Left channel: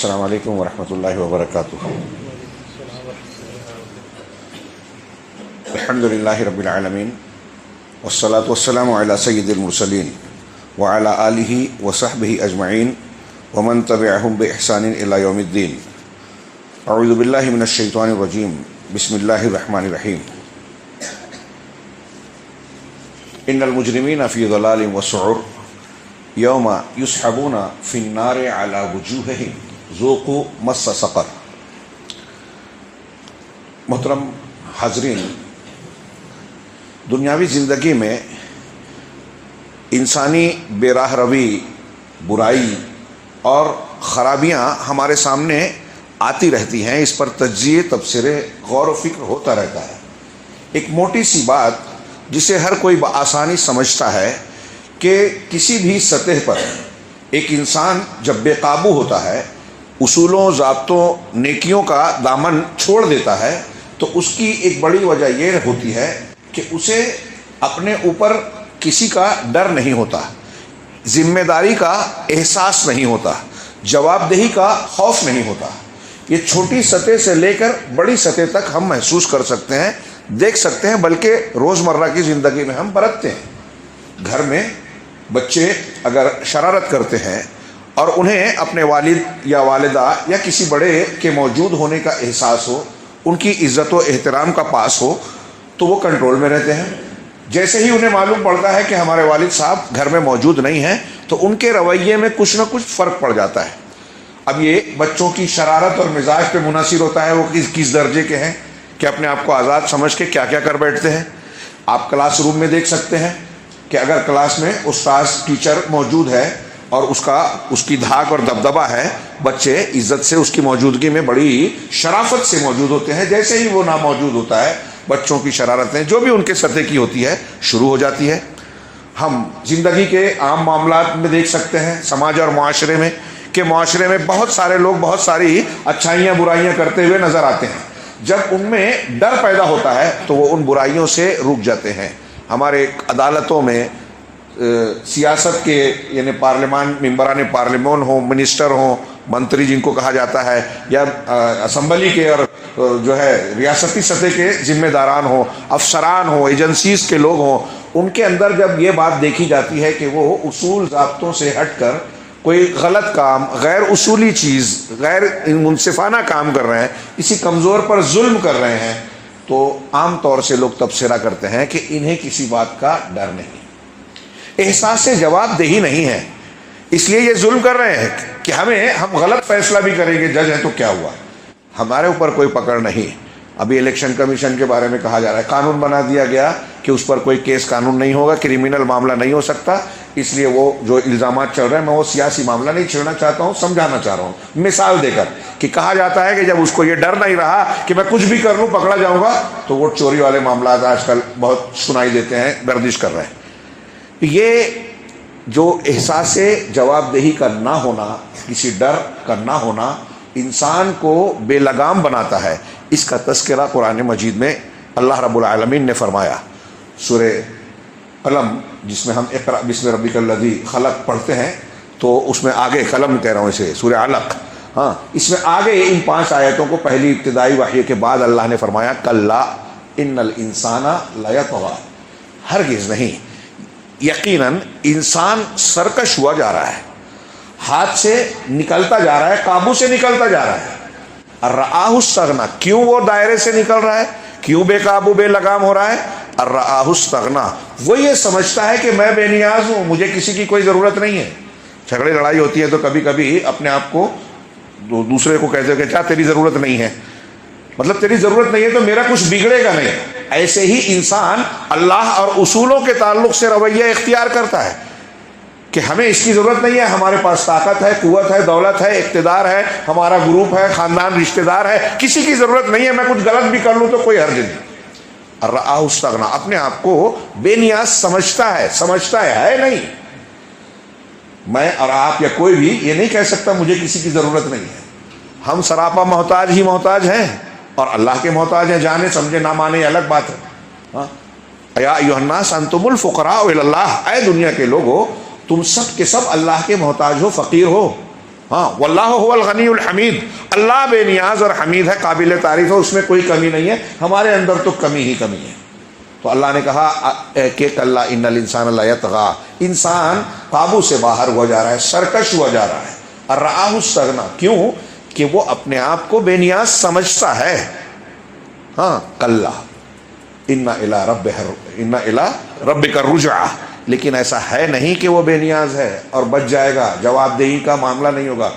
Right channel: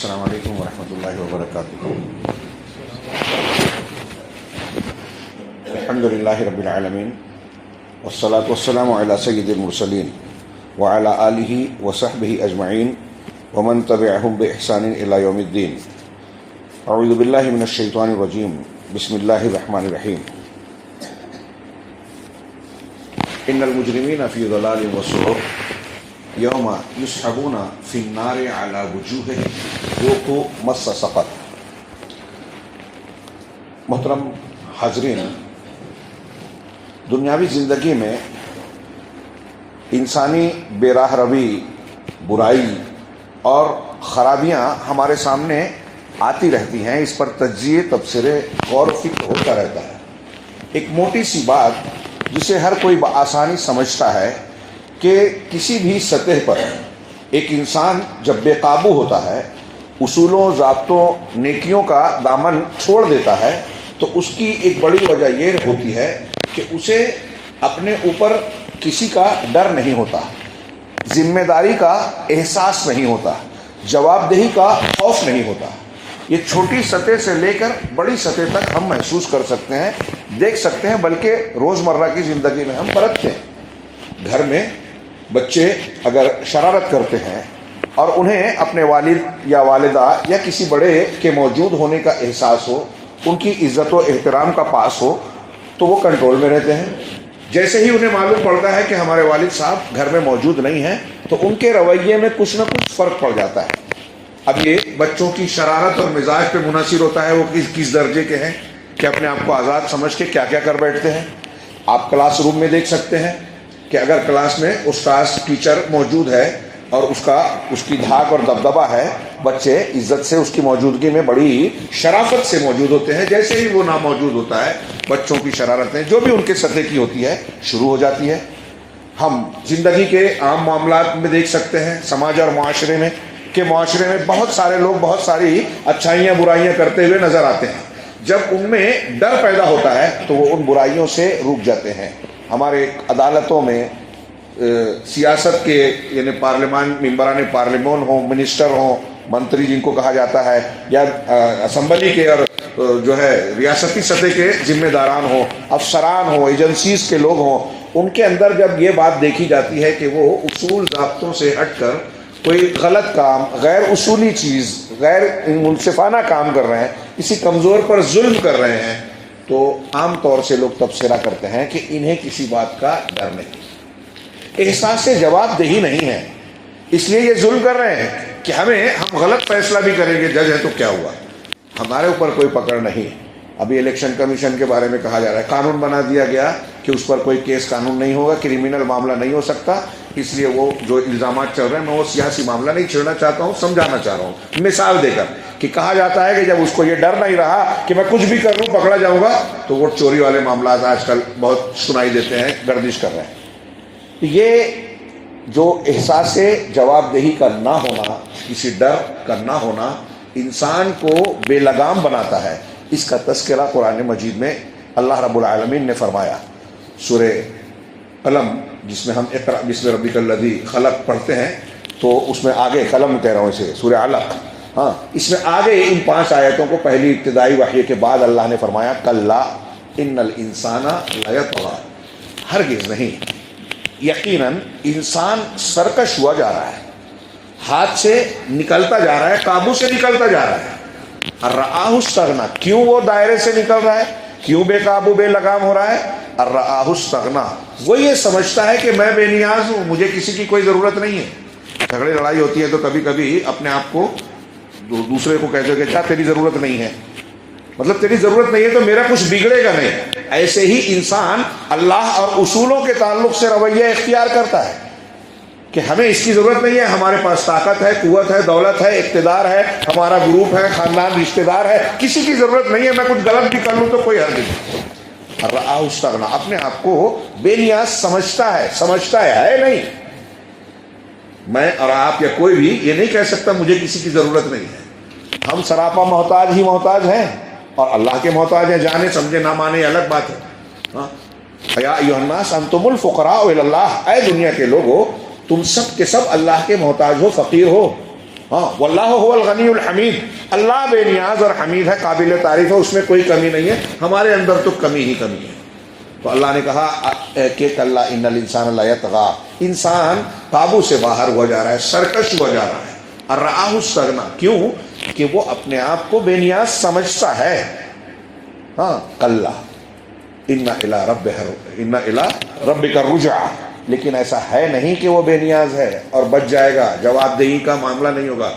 السلام علیکم ورحمۃ اللہ وبرکاتہ۔ الحمد للہ رب العالمین والصلاة والسلام علی سید المرسلین وعلی آلہ وصحبہ اجمعین ومن تبعہم بإحسان الی یوم الدین۔ اعوذ باللہ من الشیطان الرجیم، بسم اللہ الرحمن الرحیم۔ ان المجرمین فی ضلال وسعر یوم یسحبون فی النار علی وجوہہم ذوقوا مس سقر۔ محترم حاضرین، دنیاوی زندگی میں انسانی بے راہ روی، برائی اور خرابیاں ہمارے سامنے آتی رہتی ہیں، اس پر تجزیے، تبصرے، غور و فکر ہوتا رہتا ہے۔ ایک موٹی سی بات جسے ہر کوئی بآسانی سمجھتا ہے کہ کسی بھی سطح پر ایک انسان جب بے قابو ہوتا ہے، اصولوں، ضابطوں، نیکیوں کا دامن چھوڑ دیتا ہے، تو اس کی ایک بڑی وجہ یہ ہوتی ہے کہ اسے اپنے اوپر کسی کا ڈر نہیں ہوتا، ذمہ داری کا احساس نہیں ہوتا، جواب دہی کا خوف نہیں ہوتا۔ یہ چھوٹی سطح سے لے کر بڑی سطح تک ہم محسوس کر سکتے ہیں، دیکھ سکتے ہیں، بلکہ روزمرہ کی زندگی میں ہم برتتے ہیں۔ گھر میں بچے اگر شرارت کرتے ہیں اور انہیں اپنے والد یا والدہ یا کسی بڑے کے موجود ہونے کا احساس ہو، ان کی عزت و احترام کا پاس ہو، تو وہ کنٹرول میں رہتے ہیں۔ جیسے ہی انہیں معلوم پڑتا ہے کہ ہمارے والد صاحب گھر میں موجود نہیں ہیں، تو ان کے رویے میں کچھ نہ کچھ فرق پڑ جاتا ہے۔ اب یہ بچوں کی شرارت اور مزاج پہ منحصر ہوتا ہے وہ کس درجے کے ہیں، کہ اپنے آپ کو آزاد سمجھ کے کیا کیا کر بیٹھتے ہیں۔ آپ کلاس روم میں دیکھ سکتے ہیں کہ اگر کلاس میں استاذ، ٹیچر موجود ہے اور اس کی دھاک اور دبدبہ ہے، بچے عزت سے اس کی موجودگی میں بڑی شرافت سے موجود ہوتے ہیں۔ جیسے ہی وہ ناموجود ہوتا ہے، بچوں کی شرارتیں جو بھی ان کے سطح کی ہوتی ہے شروع ہو جاتی ہے۔ ہم زندگی کے عام معاملات میں دیکھ سکتے ہیں، سماج اور معاشرے میں، کہ معاشرے میں بہت سارے لوگ بہت ساری اچھائیاں برائیاں کرتے ہوئے نظر آتے ہیں۔ جب ان میں ڈر پیدا ہوتا ہے تو وہ ان برائیوں سے رک جاتے ہیں۔ ہمارے عدالتوں میں سیاست کے، یعنی پارلیمان، ممبران پارلیمان ہوں، منسٹر ہوں، منتری جن کو کہا جاتا ہے، یا اسمبلی کے اور جو ہے ریاستی سطح کے ذمہ داران ہوں، افسران ہوں، ایجنسیز کے لوگ ہوں، ان کے اندر جب یہ بات دیکھی جاتی ہے کہ وہ اصول ضابطوں سے ہٹ کر کوئی غلط کام، غیر اصولی چیز، غیر منصفانہ کام کر رہے ہیں، کسی کمزور پر ظلم کر رہے ہیں، تو عام طور سے لوگ تبصرہ کرتے ہیں کہ انہیں کسی بات کا ڈر نہیں، احساس سے جواب دہی نہیں ہے، اس لیے یہ ظلم کر رہے ہیں کہ ہم غلط فیصلہ بھی کریں گے، جج ہے تو کیا ہوا، ہمارے اوپر کوئی پکڑ نہیں۔ ابھی الیکشن کمیشن کے بارے میں کہا جا رہا ہے، قانون بنا دیا گیا کہ اس پر کوئی کیس قانون نہیں ہوگا، کرمنل معاملہ نہیں ہو سکتا، اس لیے وہ جو الزامات چل رہے ہیں، میں وہ سیاسی معاملہ نہیں چھیڑنا چاہتا ہوں، سمجھانا چاہ رہا ہوں مثال دے کر، کہ کہا جاتا ہے کہ جب اس کو یہ ڈر نہیں رہا کہ میں کچھ بھی کر لوں پکڑا جاؤں گا، تو وہ چوری والے معاملات آج کل بہت سنائی دیتے ہیں، گردش کر رہے ہیں۔ یہ جو احساس جواب دہی کا نہ ہونا، کسی ڈر کا نہ ہونا، انسان کو بے لگام بناتا ہے۔ اس کا تذکرہ قرآن مجید میں اللہ رب العالمین نے فرمایا۔ سورہ قلم، جس میں ہم اقرأ بسم ربک الذی خلق پڑھتے ہیں، تو اس میں آگے، قلم کہہ رہا ہوں اسے، سورہ علق، اس میں آگے ان 5 آیتوں کو پہلی ابتدائی وحی کے بعد اللہ نے فرمایا کلا ان الانسان لیطغی، ہرگز نہیں، یقیناً انسان سرکش ہوا جا رہا ہے، ہاتھ سے نکلتا جا رہا ہے، قابو سے نکلتا جا رہا ہے۔ الرآہ استغنی، کیوں وہ دائرے سے نکل رہا ہے، کیوں بے قابو بے لگام ہو رہا ہے؟ الرآہ استغنی، وہ یہ سمجھتا ہے کہ میں بے نیاز ہوں، مجھے کسی کی کوئی ضرورت نہیں ہے۔ جھگڑے لڑائی ہوتی ہے تو کبھی کبھی اپنے آپ کو دوسرے کو کہتے ہو کہ کیا تیری ضرورت نہیں ہے، مطلب تیری ضرورت نہیں ہے تو میرا کچھ بگڑے گا نہیں۔ ایسے ہی انسان اللہ اور اصولوں کے تعلق سے رویہ اختیار کرتا ہے کہ ہمیں اس کی ضرورت نہیں ہے، ہمارے پاس طاقت ہے، قوت ہے، دولت ہے، اقتدار ہے، ہمارا گروپ ہے، خاندان، رشتہ دار ہے، کسی کی ضرورت نہیں ہے، میں کچھ غلط بھی کر لوں تو کوئی حرج نہیں۔ الرآہ استغنی، اپنے آپ کو بے نیاز سمجھتا ہے نہیں۔ میں اور آپ یا کوئی بھی یہ نہیں کہہ سکتا مجھے کسی کی ضرورت نہیں ہے، ہم سراپا محتاج ہی محتاج ہیں، اور اللہ کے محتاج ہیں، جانے سمجھے نہ مانے الگ بات ہے۔ یا ایھا الناس انتم الفقراء الی اللہ، اے دنیا کے لوگو تم سب کے سب اللہ کے محتاج ہو، فقیر ہو، ہاں واللہ هو الغنی الحمید، اللہ بے نیاز اور حمید ہے، قابل تعریف ہے، اس میں کوئی کمی نہیں ہے، ہمارے اندر تو کمی ہی کمی ہے۔ تو اللہ نے کہا کہ کلا ان الانسان لیطغی، انسان قابو سے باہر ہوا جا رہا ہے، سرکش ہوا جا رہا ہے، اور رآہ استغنی، کیوں کہ وہ اپنے آپ کو بے نیاز سمجھتا ہے۔ ہاں کلا ان الی ربک الرجعی، لیکن ایسا ہے نہیں کہ وہ بے نیاز ہے اور بچ جائے گا، جواب دہی کا معاملہ نہیں ہوگا،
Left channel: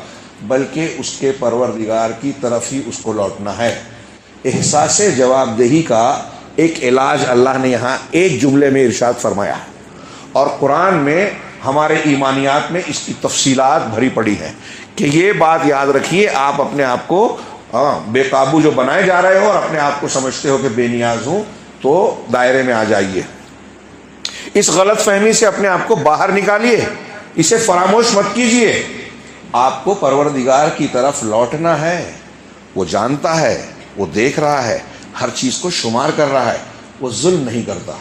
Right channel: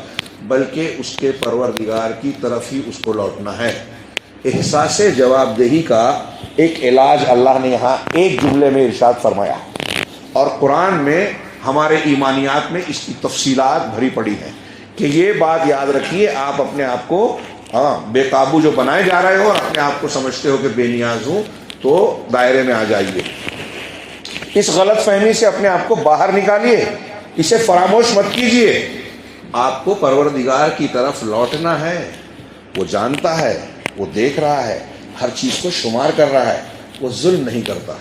بلکہ اس کے پروردگار کی طرف ہی اس کو لوٹنا ہے۔ احساس جواب دہی کا ایک علاج اللہ نے یہاں ایک جملے میں ارشاد فرمایا، اور قرآن میں ہمارے ایمانیات میں اس کی تفصیلات بھری پڑی ہیں کہ یہ بات یاد رکھیے، آپ اپنے آپ کو بے قابو جو بنائے جا رہے ہو اور اپنے آپ کو سمجھتے ہو کہ بے نیاز ہوں، تو دائرے میں آ جائیے، اس غلط فہمی سے اپنے آپ کو باہر نکالیے، اسے فراموش مت کیجیے۔ آپ کو پروردگار کی طرف لوٹنا ہے، وہ جانتا ہے، وہ دیکھ رہا ہے، ہر چیز کو شمار کر رہا ہے، وہ ظلم نہیں کرتا،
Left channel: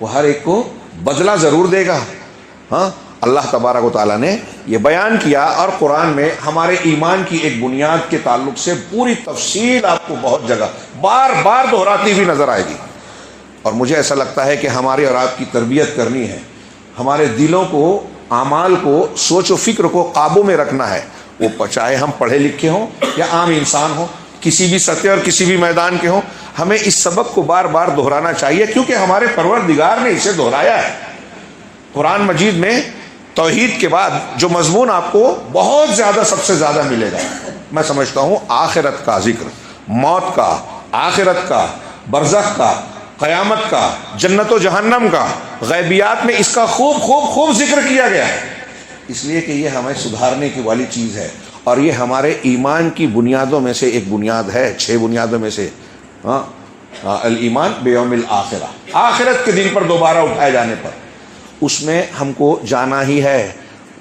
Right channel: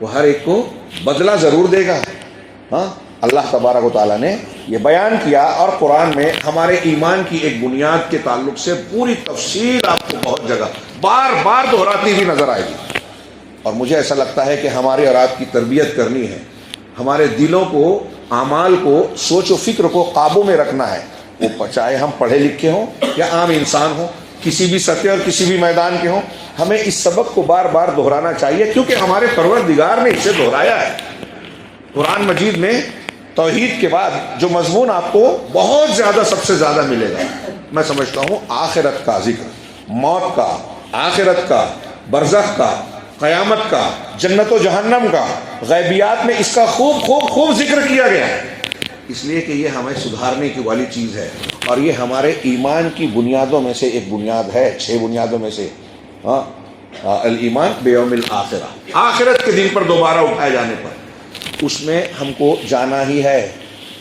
وہ ہر ایک کو بدلہ ضرور دے گا۔ ہاں اللہ تبارک و تعالیٰ نے یہ بیان کیا، اور قرآن میں ہمارے ایمان کی ایک بنیاد کے تعلق سے پوری تفصیل آپ کو بہت جگہ بار بار دہراتی ہوئی نظر آئے گی، اور مجھے ایسا لگتا ہے کہ ہماری اور آپ کی تربیت کرنی ہے، ہمارے دلوں کو، اعمال کو، سوچ و فکر کو قابو میں رکھنا ہے، وہ چاہے ہم پڑھے لکھے ہوں یا عام انسان ہوں، کسی بھی سطح اور کسی بھی میدان کے ہوں، ہمیں اس سبق کو بار بار دہرانا چاہیے، کیونکہ ہمارے پروردگار نے اسے دہرایا ہے۔ قرآن مجید میں توحید کے بعد جو مضمون آپ کو بہت زیادہ، سب سے زیادہ ملے گا، میں سمجھتا ہوں آخرت کا ذکر، موت کا، آخرت کا، برزخ کا، قیامت کا، جنت و جہنم کا، غیبیات میں اس کا خوب خوب خوب ذکر کیا گیا ہے، اس لیے کہ یہ ہمیں سدھارنے کی والی چیز ہے، اور یہ ہمارے ایمان کی بنیادوں میں سے ایک بنیاد ہے، 6 بنیادوں میں سے۔ الایمان بیوم الآخرہ، آخرت کے دن پر دوبارہ اٹھائے جانے پر، اس میں ہم کو جانا ہی ہے،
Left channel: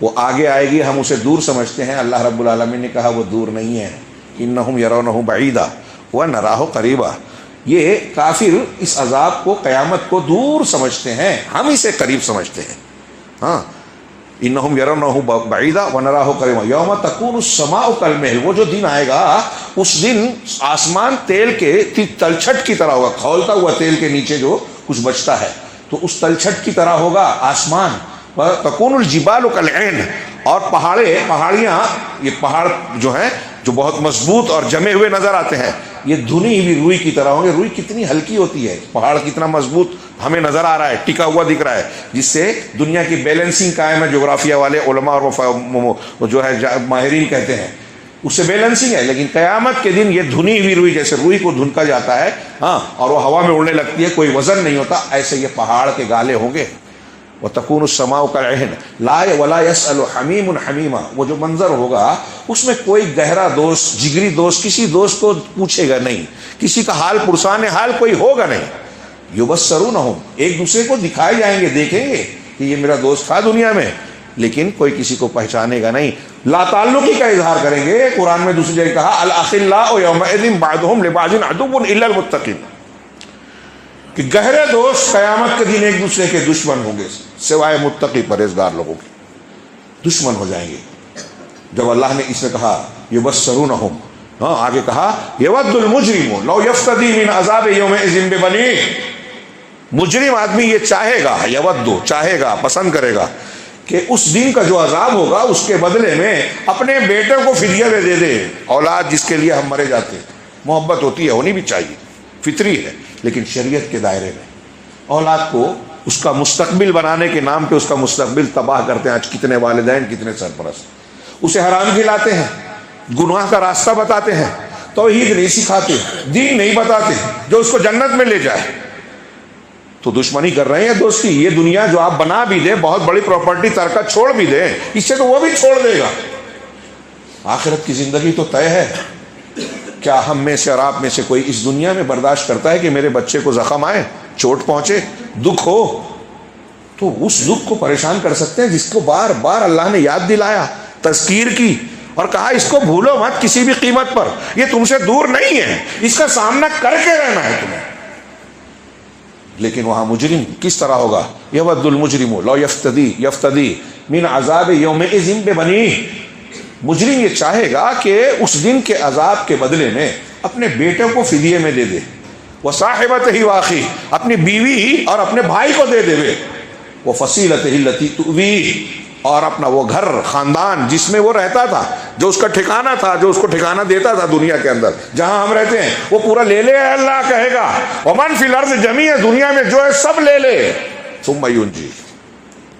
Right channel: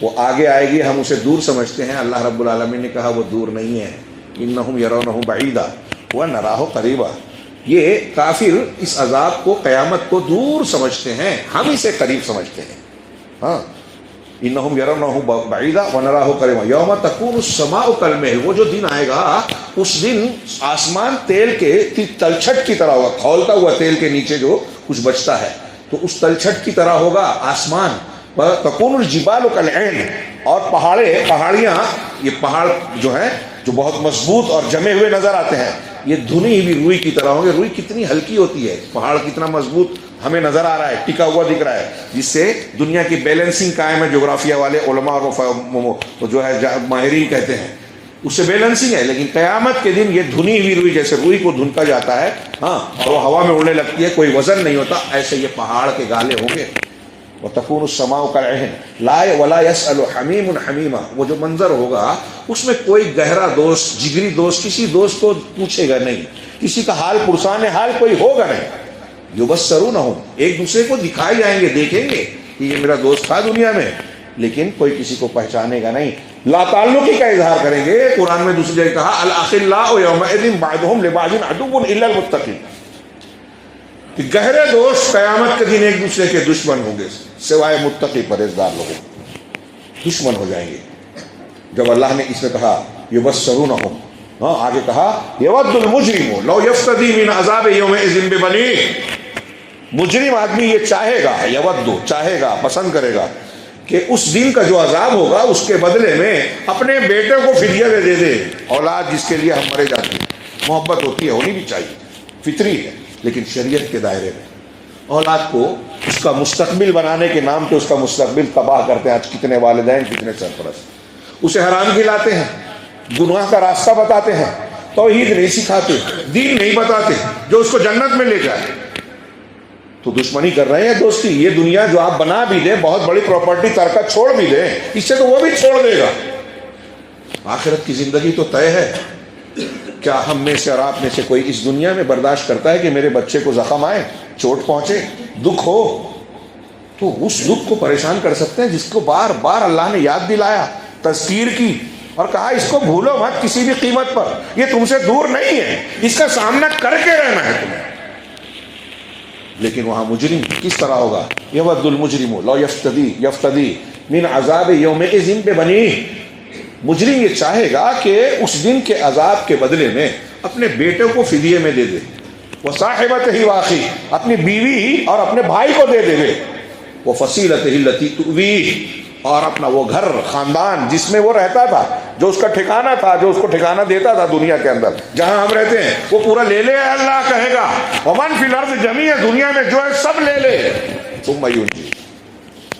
وہ آگے آئے گی، ہم اسے دور سمجھتے ہیں، اللہ رب العالمین نے کہا وہ دور نہیں ہے، انہم یرونہ بعیدا ونراہ قریبا، یہ کافر اس عذاب کو، قیامت کو دور سمجھتے ہیں، ہم اسے قریب سمجھتے ہیں۔ ہاں انہم یرونہ بعیدا ونراہ قریبا یوم تکون السماء کالمہل، وہ جو دن آئے گا اس دن آسمان تیل کے تلچھٹ کی طرح ہوگا، کھولتا ہوا تیل کے نیچے جو کچھ بچتا ہے تو اس تلچھٹ کی طرح ہوگا آسمان، تکون الجبال کالعین، اور پہاڑیاں، یہ پہاڑ جو ہیں جو بہت مضبوط اور جمے ہوئے نظر آتے ہیں، یہ دھنی ہوئی روئی کی طرح ہوں گے۔ روئی کتنی ہلکی ہوتی ہے، پہاڑ کتنا مضبوط ہمیں نظر آ رہا ہے، ٹکا ہوا دکھ رہا ہے، جس سے دنیا کی بیلنسنگ قائم ہے، جغرافیہ والے علماء اور جو ہے ماہرین کہتے ہیں اس سے بیلنسنگ ہے، لیکن قیامت کے دن یہ دھنی ہوئی روئی، جیسے روئی کو دھنکا جاتا ہے ہاں اور وہ ہوا میں اڑنے لگتی ہے، کوئی وزن نہیں ہوتا، ایسے یہ پہاڑ کے گالے ہوں گے۔ وَتَكُونُ السَّمَاءُ كَالْعِهْنِ لَا وَلَا يَسْأَلُ حَمِيمٌ حَمِيمًا، وہ جو منظر ہوگا اس میں کوئی گہرا دوست، جگری دوست کسی دوست کو پوچھے گا نہیں، کسی کا حال پرسان حال کوئی ہوگا نہیں۔ يُبَصَّرُونَهُمْ، ایک دوسرے کو دکھائے جائیں گے، دیکھیں گے کہ یہ میرا دوست تھا دنیا میں، لیکن کوئی کسی کو پہچانے گا نہیں، لا تعلقی کا اظہار کریں گے۔ قرآن میں دوسری جگہ کہا الأخلاء يومئذ بعضهم لبعض عدو إلا المتقين، کہ گہرے دوست قیامت کے دن ایک دوسرے کے دشمن ہوں گے سوائے متقی پرہیزگار لوگوں کے، دشمن ہو جائیں گے۔ جب اللہ نے اس نے کہا یبصرونہم، ہاں آگے کہا یود المجرم لو یفتدی من عذاب یومئذ ببنیہ، مجرم آدمی یہ چاہے گا، یود چاہے گا، پسند کرے گا کہ اس دن کا جو عذاب ہوگا اس کے بدلے میں اپنے بیٹے کو فدیہ میں دے دے۔ اولاد جس کے لیے ہم مرے جاتے ہیں، محبت ہوتی ہے، ہونی بھی چاہیے، فطری ہے، لیکن شریعت کے دائرے میں اولاد کو اس کا مستقبل بنانے کے نام پہ اس کا مستقبل تباہ کرتے ہیں۔ آج کتنے والدین، کتنے سرپرست اسے حرام کھلاتے ہیں، گناہ کا راستہ بتاتے ہیں، توحید نہیں سکھاتے، دین نہیں بتاتے جو اس کو جنت میں لے جائے، تو دشمنی کر رہے ہیں دوستی۔ یہ دنیا جو آپ بنا بھی دیں، بہت بڑی پراپرٹی ترکہ چھوڑ بھی دیں، اس سے تو وہ بھی چھوڑ دے گا، آخرت کی زندگی تو طے ہے۔ کیا ہم میں سے اور آپ میں سے کوئی اس دنیا میں برداشت کرتا ہے کہ میرے بچے کو زخم آئے، چوٹ پہنچے، دکھ ہو، تو اس دکھ کو پریشان کر سکتے ہیں جس کو بار بار اللہ نے یاد دلایا، تذکیر کی، اور کہا اس کو بھولو مت کسی بھی قیمت پر، یہ تم سے دور نہیں ہے، اس کا سامنا کر کے رہنا ہے تمہیں۔ لیکن وہاں مجرم کس طرح ہوگا؟ یود المجرم لو یفتدی من عذاب یومئذ ببنیہ، مجرم یہ چاہے گا کہ اس دن کے عذاب کے بدلے میں اپنے بیٹے کو فدیے میں دے دے، وہ صاحبت ہی واقعی اپنی بیوی اور اپنے بھائی کو دے دے، وہ فصیلت التی تؤویہ، اور اپنا وہ گھر خاندان جس میں وہ رہتا تھا، جو اس کا ٹھکانہ تھا، جو اس کو ٹھکانہ دیتا تھا دنیا کے اندر جہاں ہم رہتے ہیں، وہ پورا لے لے۔ اللہ کہے گا ومن فی الارض جمیعا، دنیا میں جو ہے سب لے لے، ثم ینجی،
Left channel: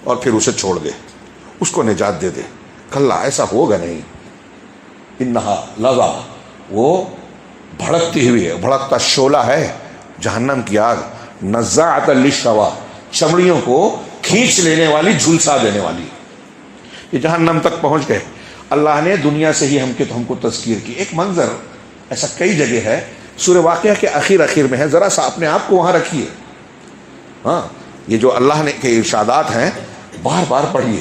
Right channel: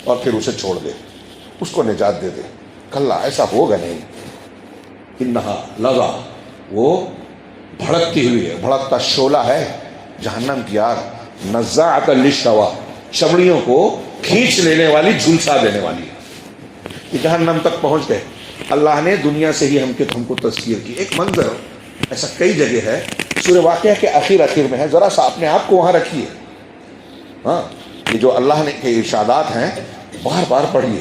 اور پھر اسے چھوڑ دے، اس کو نجات دے دے۔ کلا، ایسا ہوگا نہیں۔ انہا لظا، وہ بھڑکتی ہوئی ہے، بھڑکتا شعلہ ہے جہنم کی آگ، نزاعۃ للشوا، چمڑیوں کو کھینچ لینے والی، جھلسا دینے والی۔ یہ جہنم تک پہنچ گئے۔ اللہ نے دنیا سے ہی ہم کو تذکیر کی۔ ایک منظر ایسا کئی جگہ ہے، سورہ واقعہ کے آخر میں ہے، ذرا سا اپنے آپ کو وہاں رکھیے۔ ہاں، یہ جو اللہ نے کے ارشادات ہیں بار بار پڑھیے۔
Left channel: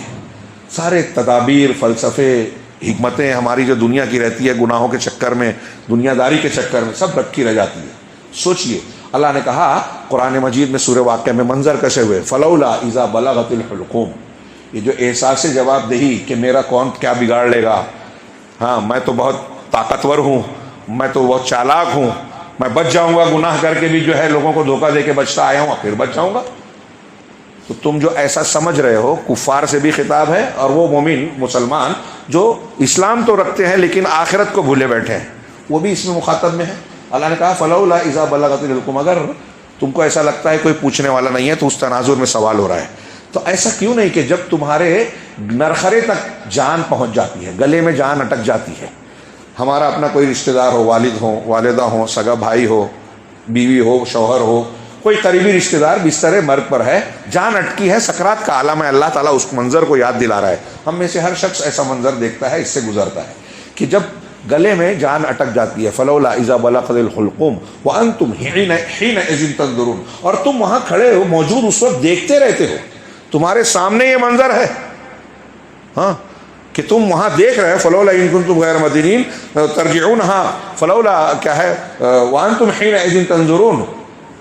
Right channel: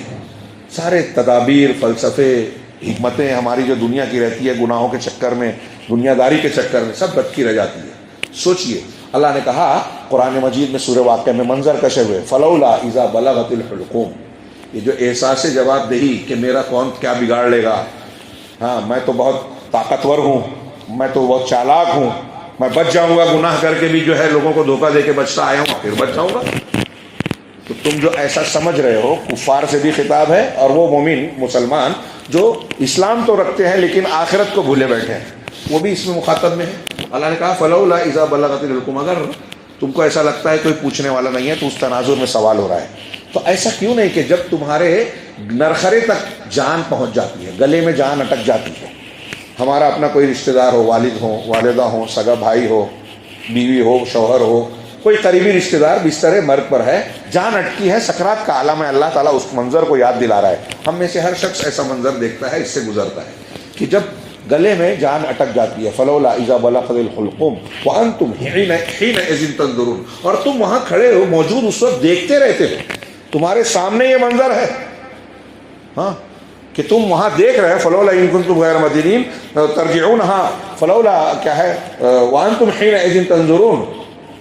سارے تدابیر، فلسفے، حکمتیں ہماری جو دنیا کی رہتی ہے گناہوں کے چکر میں، دنیا داری کے چکر میں، سب رکھی رہ جاتی ہے۔ سوچئے، اللہ نے کہا قرآن مجید میں سورہ واقعہ میں منظر کشے ہوئے، فلولا اذا بلغت الحلقوم، یہ جو احساس جواب دہی کہ میرا کون کیا بگاڑ لے گا، ہاں میں تو بہت طاقتور ہوں، میں تو بہت چالاک ہوں، میں بچ جاؤں گا، گناہ کر کے بھی جو ہے لوگوں کو دھوکہ دے کے بچتا آیا ہوں، پھر بچ جاؤں گا۔ تو تم جو ایسا سمجھ رہے ہو، کفار سے بھی خطاب ہے، اور وہ مومن مسلمان جو اسلام تو رکھتے ہیں لیکن آخرت کو بھولے بیٹھے ہیں، وہ بھی اس میں مخاطب میں ہے۔ اللہ نے کہا فلولا اذا بلغت الحلقوم، اگر تم کو ایسا لگتا ہے کوئی پوچھنے والا نہیں ہے تو اس تناظر میں سوال ہو رہا ہے، تو ایسا کیوں نہیں کہ جب تمہارے نرخرے تک جان پہنچ جاتی ہے، گلے میں جان اٹک جاتی ہے، ہمارا اپنا کوئی رشتہ دار ہو، والد ہو، والدہ ہو، سگا بھائی ہو، بیوی ہو، شوہر ہو، کوئی قریبی رشتہ دار بستر مرگ پر ہے، جان اٹکی ہے، سکرات کا عالم ہے، اللہ تعالیٰ اس منظر کو یاد دلا رہا ہے۔ ہم میں سے ہر شخص ایسا منظر دیکھتا ہے، اس سے گزرتا ہے کہ جب گلے میں جان اٹک جاتی ہے، فلولا اذا بلغت الحلقوم وانتم حینئذ تنظرون، اور تم وہاں کھڑے ہو، موجود اس وقت دیکھتے رہتے ہو، تمہارے سامنے یہ منظر ہے، ہاں کہ تم وہاں دیکھ رہے، فلولا ان کنتم غیر مدینین ترجعونہا، فلولا کیا ہے، وانتم حینئذ تنظرون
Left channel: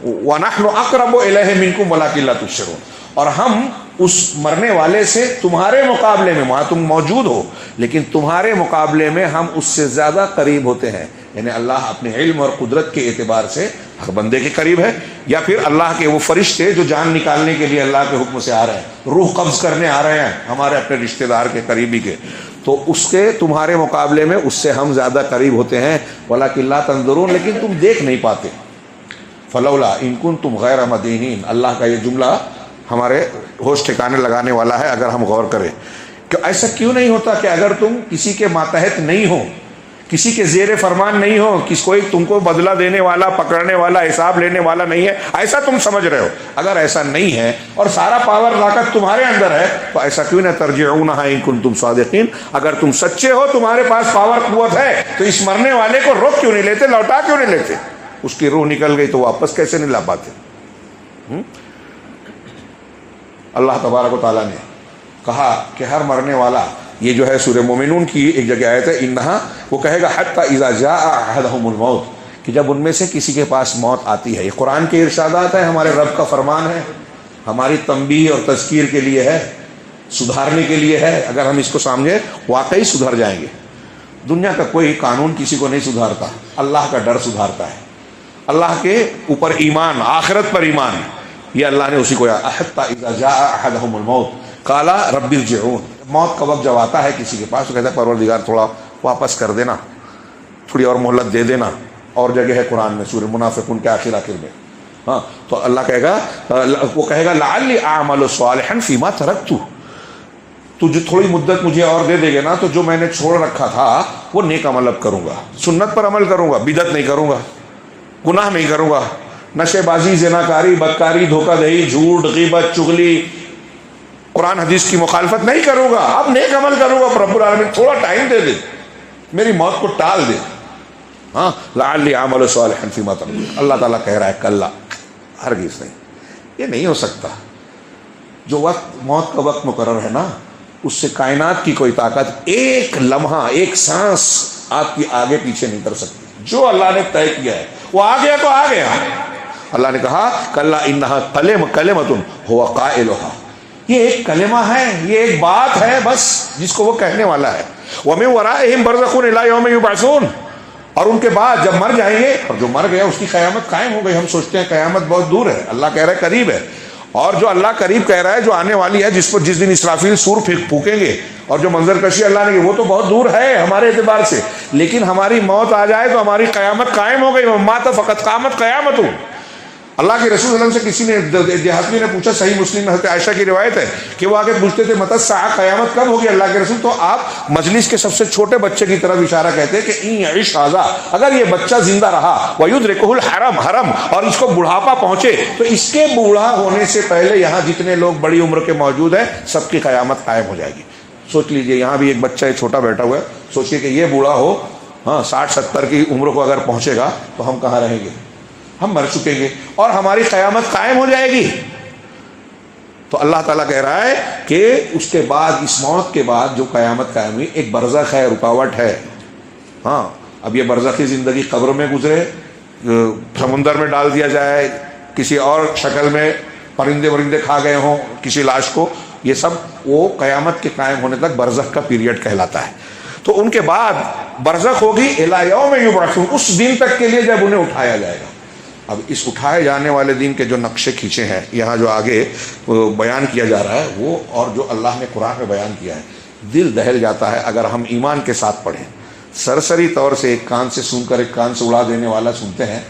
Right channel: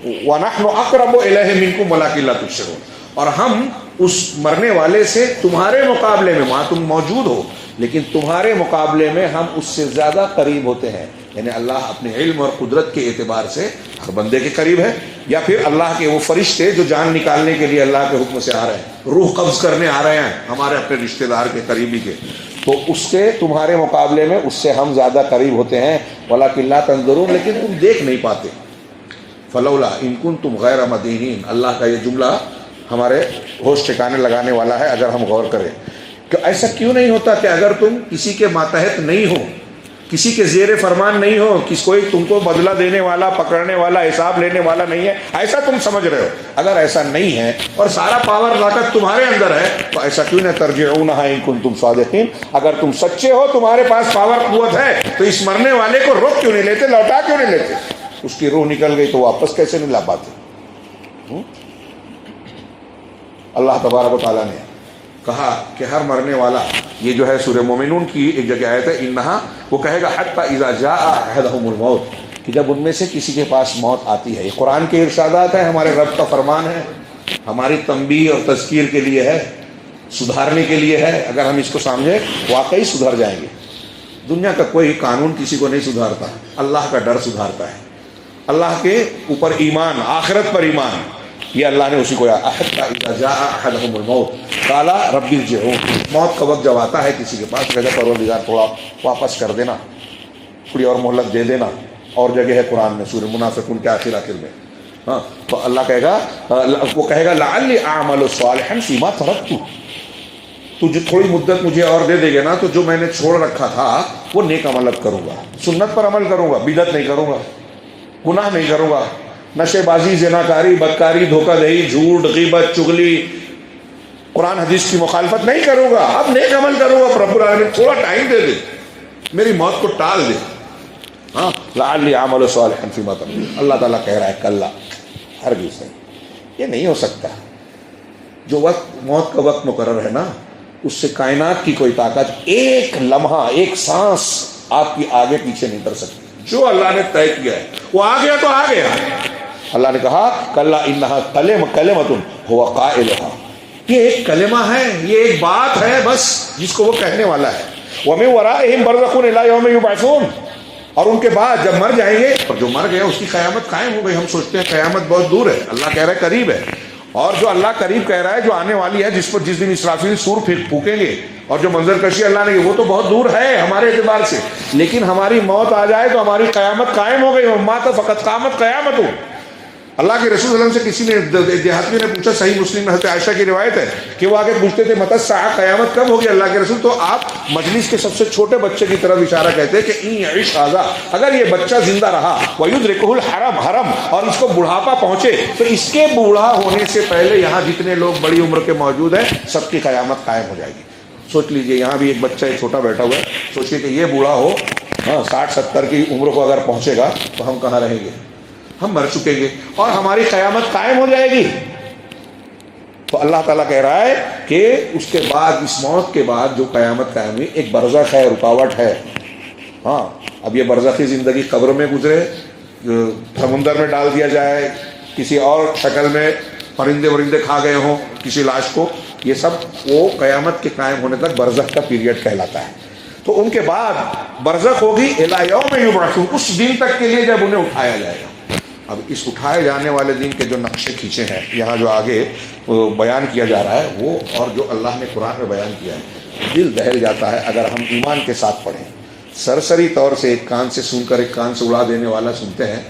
وَنَحْنُ أَقْرَبُ إِلَيْهِ مِنْكُمْ وَلَكِنْ لَا تُبْصِرُونَ، اور ہم اس مرنے والے سے تمہارے مقابلے میں، وہاں تم موجود ہو لیکن تمہارے مقابلے میں ہم اس سے زیادہ قریب ہوتے ہیں۔ یعنی اللہ اپنے علم اور قدرت کے اعتبار سے ہر بندے کے قریب ہے، یا پھر اللہ کے وہ فرشتے جو جان نکالنے کے لیے اللہ کے حکم سے آ رہے ہیں، روح قبض کرنے آ رہے ہیں ہمارے اپنے رشتہ دار کے، قریبی کے، تو اس کے تمہارے مقابلے میں اس سے ہم زیادہ قریب ہوتے ہیں، وَلَكِنْ لَا تَنظُرُونَ، لیکن تم دیکھ نہیں پاتے۔ فلولا ان کنتم غیر مدینین، اللہ کا یہ جملہ ہمارے ہوش ٹھکانے لگانے والا ہے اگر ہم غور کریں کہ ایسا کیوں نہیں ہوتا کہ اگر تم کسی کے ماتحت نہیں ہو، کسی کے زیر فرمان نہیں ہو، کوئی تم کو بدلہ دینے والا، پکڑنے والا، حساب لینے والا نہیں ہے، ایسا تم سمجھ رہے ہو، اگر ایسا نہیں ہے اور سارا پاور طاقت تمہارے اندر ہے تو ایسا کیوں نہیں ترجعونہا ان کنتم صادقین، اگر تم سچے ہو، تمہارے پاس پاور قوت ہے، تو اس مرنے والے کو روک کیوں نہیں لیتے، لوٹا کیوں نہیں لیتے؟ اس کی روح نکل گئی تو واپس کیسے نہیں لا پاتے؟ اللہ تبارک و تعالیٰ نے کہا کہ ہر مرنے والا، یہ جو ہے سورہ مومنون کی ایک جگہ آیت ہے، انہا، وہ کہے گا حتی اذا جاء احدہم الموت، کہ جب ان میں سے کسی کے پاس موت آتی ہے۔ یہ قرآن کے ارشادات ہیں، ہمارے رب کا فرمان ہے، ہماری تنبیہ اور تذکیر کے لیے ہے، سدھارنے کے لیے ہے۔ اگر ہم اس کو سمجھے واقعی سدھر جائیں گے۔ دنیا کا کوئی قانون کسی کو نہیں سدھارتا، اللہ کا ڈر سدھارتا ہے، اللہ کے اوپر ایمان، آخرت پر ایمان، یہ اللہ نے اسی کو حتی اذا جاء احدہم الموت قال رب ارجعون، موت کا وقت جب آتا ہے کسی کے پاس، کہتا ہے پروردگار تھوڑا واپس کر دینا، تھوڑی اور مہلت دے دینا۔ اور جگہ ہے قرآن میں سورہ منافقون کے آخر میں، ہاں، تو اللہ کہے گا، وہ کہے گا لعلی اعمل صالحا فیما ترکت، تو جو تھوڑی مدت مجھے اور دے دے گے نا، تو جو میں نے چھوڑ رکھا تھا وہ نیک عمل اب کروں گا، سنت پر عمل کروں گا، بدعت نہیں کروں گا، گناہ نہیں کروں گا، نشے بازی، زناکاری، بدکاری، دھوکہ دہی، جھوٹ، غیبت، چغلی، قرآن حدیث کی مخالفت نہیں کروں گا، اب نیک عمل کروں گا۔ رب العالمین تھوڑا ٹائم دے دے، میری موت کو ٹال دے، ہاں، لعلی اعمل صالحا فیما ترکت۔ اللہ تعالیٰ کہہ رہا ہے کلا، ہرگز نہیں، یہ نہیں ہو سکتا۔ جو وقت، موت کا وقت مقرر ہے نا، اس سے کائنات کی کوئی طاقت ایک لمحہ، ایک سانس آپ کی آگے پیچھے نہیں کر سکتی۔ جو اللہ نے طے کیا ہے وہ آ گیا تو آ گیا۔ اللہ نے کہا کلا انہا کلمۃ ہو قائلھا، یہ ایک کلمہ ہے، یہ ایک بات ہے بس جس کو وہ کہنے والا ہے۔ وَمِن وَرَائِهِمْ بَرْزَخٌ إِلَىٰ يَوْمِ يُبْعَثُونَ، اور ان کے بعد جب مر جائیں گے، اور جو مر گیا اس کی قیامت قائم ہو گئی. ہم سوچتے ہیں قیامت بہت دور ہے، اللہ کہہ رہا ہے قریب ہے. اور جو اللہ قریب کہہ رہا ہے، جو آنے والی ہے، جس دن اسرافیل سور پھونکیں گے، اور جو منظر کشی اللہ نے کی، وہ تو بہت دور ہے ہمارے اعتبار سے، لیکن ہماری موت آ جائے تو ہماری قیامت قائم ہو گئی. مات فقط قامت قیامت ہو. اللہ کے رسول صلی اللہ علیہ وسلم سے کسی نے دیہاتی نے پوچھا، صحیح مسلم میں حضرت عائشہ کی روایت ہے کہ وہ آگے پوچھتے تھے متی الساعہ، قیامت کب ہوگی اللہ کے رسول؟ تو آپ مجلس کے سب سے چھوٹے بچے کی طرف اشارہ کہتے ہیں کہ ان یعش ھذا، اگر یہ بچہ زندہ رہا، ویدرکہ الحرم، حرم، اور اس کو بڑھاپا پہنچے، تو اس کے بوڑھا ہونے سے پہلے یہاں جتنے لوگ بڑی عمر کے موجود ہیں سب کی قیامت قائم ہو جائے گی. سوچ لیجئے، یہاں بھی ایک بچہ چھوٹا بیٹھا ہوا ہے، سوچئے کہ یہ بوڑھا ہو، 60-70 کی عمر کو اگر پہنچے گا تو ہم کہاں رہیں گے؟ ہم مر چکیں گے اور ہماری قیامت قائم ہو جائے گی. تو اللہ تعالیٰ کہہ رہا ہے کہ اس کے بعد، اس موت کے بعد جو قیامت قائم ہوئی، ایک برزخ ہے، رکاوٹ ہے. اب یہ برزخی زندگی قبر میں گزرے، سمندر میں ڈال دیا جائے، کسی اور شکل میں پرندے کھا گئے ہوں کسی لاش کو، یہ سب وہ قیامت کے قائم ہونے تک برزخ کا پیریڈ کہلاتا ہے. تو ان کے بعد برزخ ہوگی الی یوم یبعثون، اس دن تک کے لیے جب انہیں اٹھایا جائے گا. اب اس اٹھائے جانے والے دن کے جو نقشے کھینچے ہیں یہاں جو آگے بیان کیا جا رہا ہے، وہ اور جو اللہ نے قرآن میں بیان کیا ہے، دل دہل جاتا ہے اگر ہم ایمان کے ساتھ پڑھیں. سرسری طور سے ایک کان سے سن کر ایک کان سے اڑا دینے والا سنتے ہیں.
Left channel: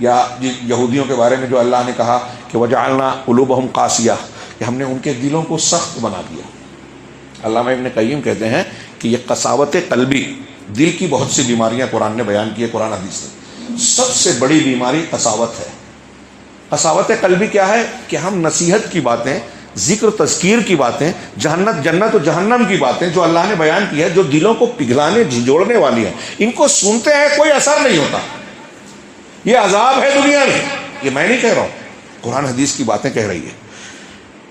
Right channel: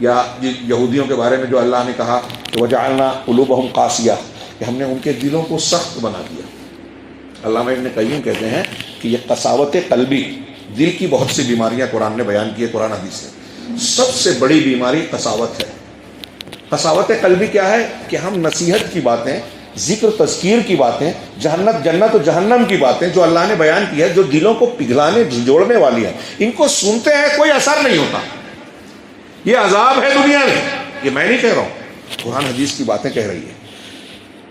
یا یہودیوں کے بارے میں جو اللہ نے کہا کہ وجعلنا قلوبہم قاسیہ، کہ ہم نے ان کے دلوں کو سخت بنا دیا. علامہ ابن قیم کہتے ہیں کہ یہ قساوت قلبی، دل کی بہت سی بیماریاں قرآن نے بیان کی ہے، قرآن حدیث سے سب سے بڑی بیماری قساوت ہے. قساوت قلبی کیا ہے؟ کہ ہم نصیحت کی باتیں، ذکر تذکیر کی باتیں، جنت و جہنم کی باتیں جو اللہ نے بیان کی ہے، جو دلوں کو پگھلانے جھنجھوڑنے والی ہیں، ان کو سنتے ہیں، کوئی اثر نہیں ہوتا. یہ عذاب ہے دنیا میں. یہ میں نہیں کہہ رہا ہوں، قرآن حدیث کی باتیں کہہ رہی ہے.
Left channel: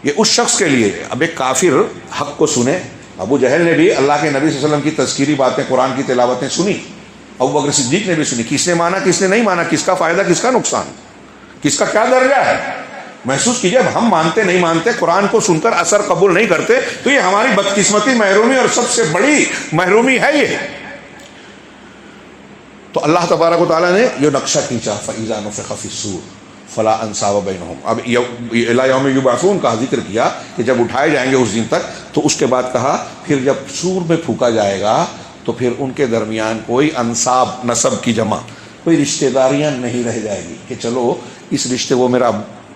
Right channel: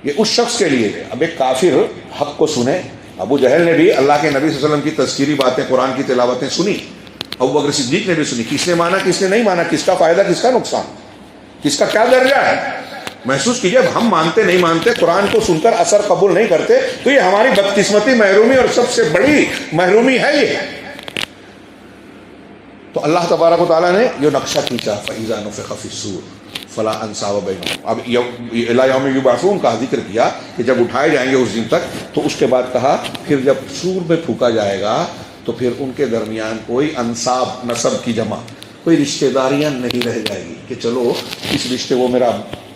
یہ اس شخص کے لیے، اب ایک کافر حق کو سنے. ابو جہل نے بھی اللہ کے نبی صلی اللہ علیہ وسلم کی تذکیری باتیں، قرآن کی تلاوتیں سنی. ابو بکر صدیق نے بھی سنی. کس نے مانا، کس نے نہیں مانا، کس کا فائدہ، کس کا نقصان، کس کا کیا درجہ ہے، محسوس کیجیے. اب ہم مانتے نہیں مانتے، قرآن کو سن کر اثر قبول نہیں کرتے، تو یہ ہماری بدقسمتی، محرومی اور سب سے بڑی محرومی ہے. یہ تو اللہ تبارک و تعالیٰ نے یہ نقشہ کھینچا، فَإِذَا نُفِخَ فِي الصُّورِ فَلَا أَنْسَابَ بَيْنَهُمْ. اب إِلَىٰ يَوْمِ يُبْعَثُونَ کا ذکر کیا کہ جب اٹھائے جائیں گے اس دن تک، تو اس کے بعد کہا پھر جب سور میں پھونکا جائے گا تو پھر ان کے درمیان کوئی انصاب، نسب کی جمع، کوئی رشتہ داریاں نہیں رہ جائے گی کہ چلو اس رشتے، وہ میرا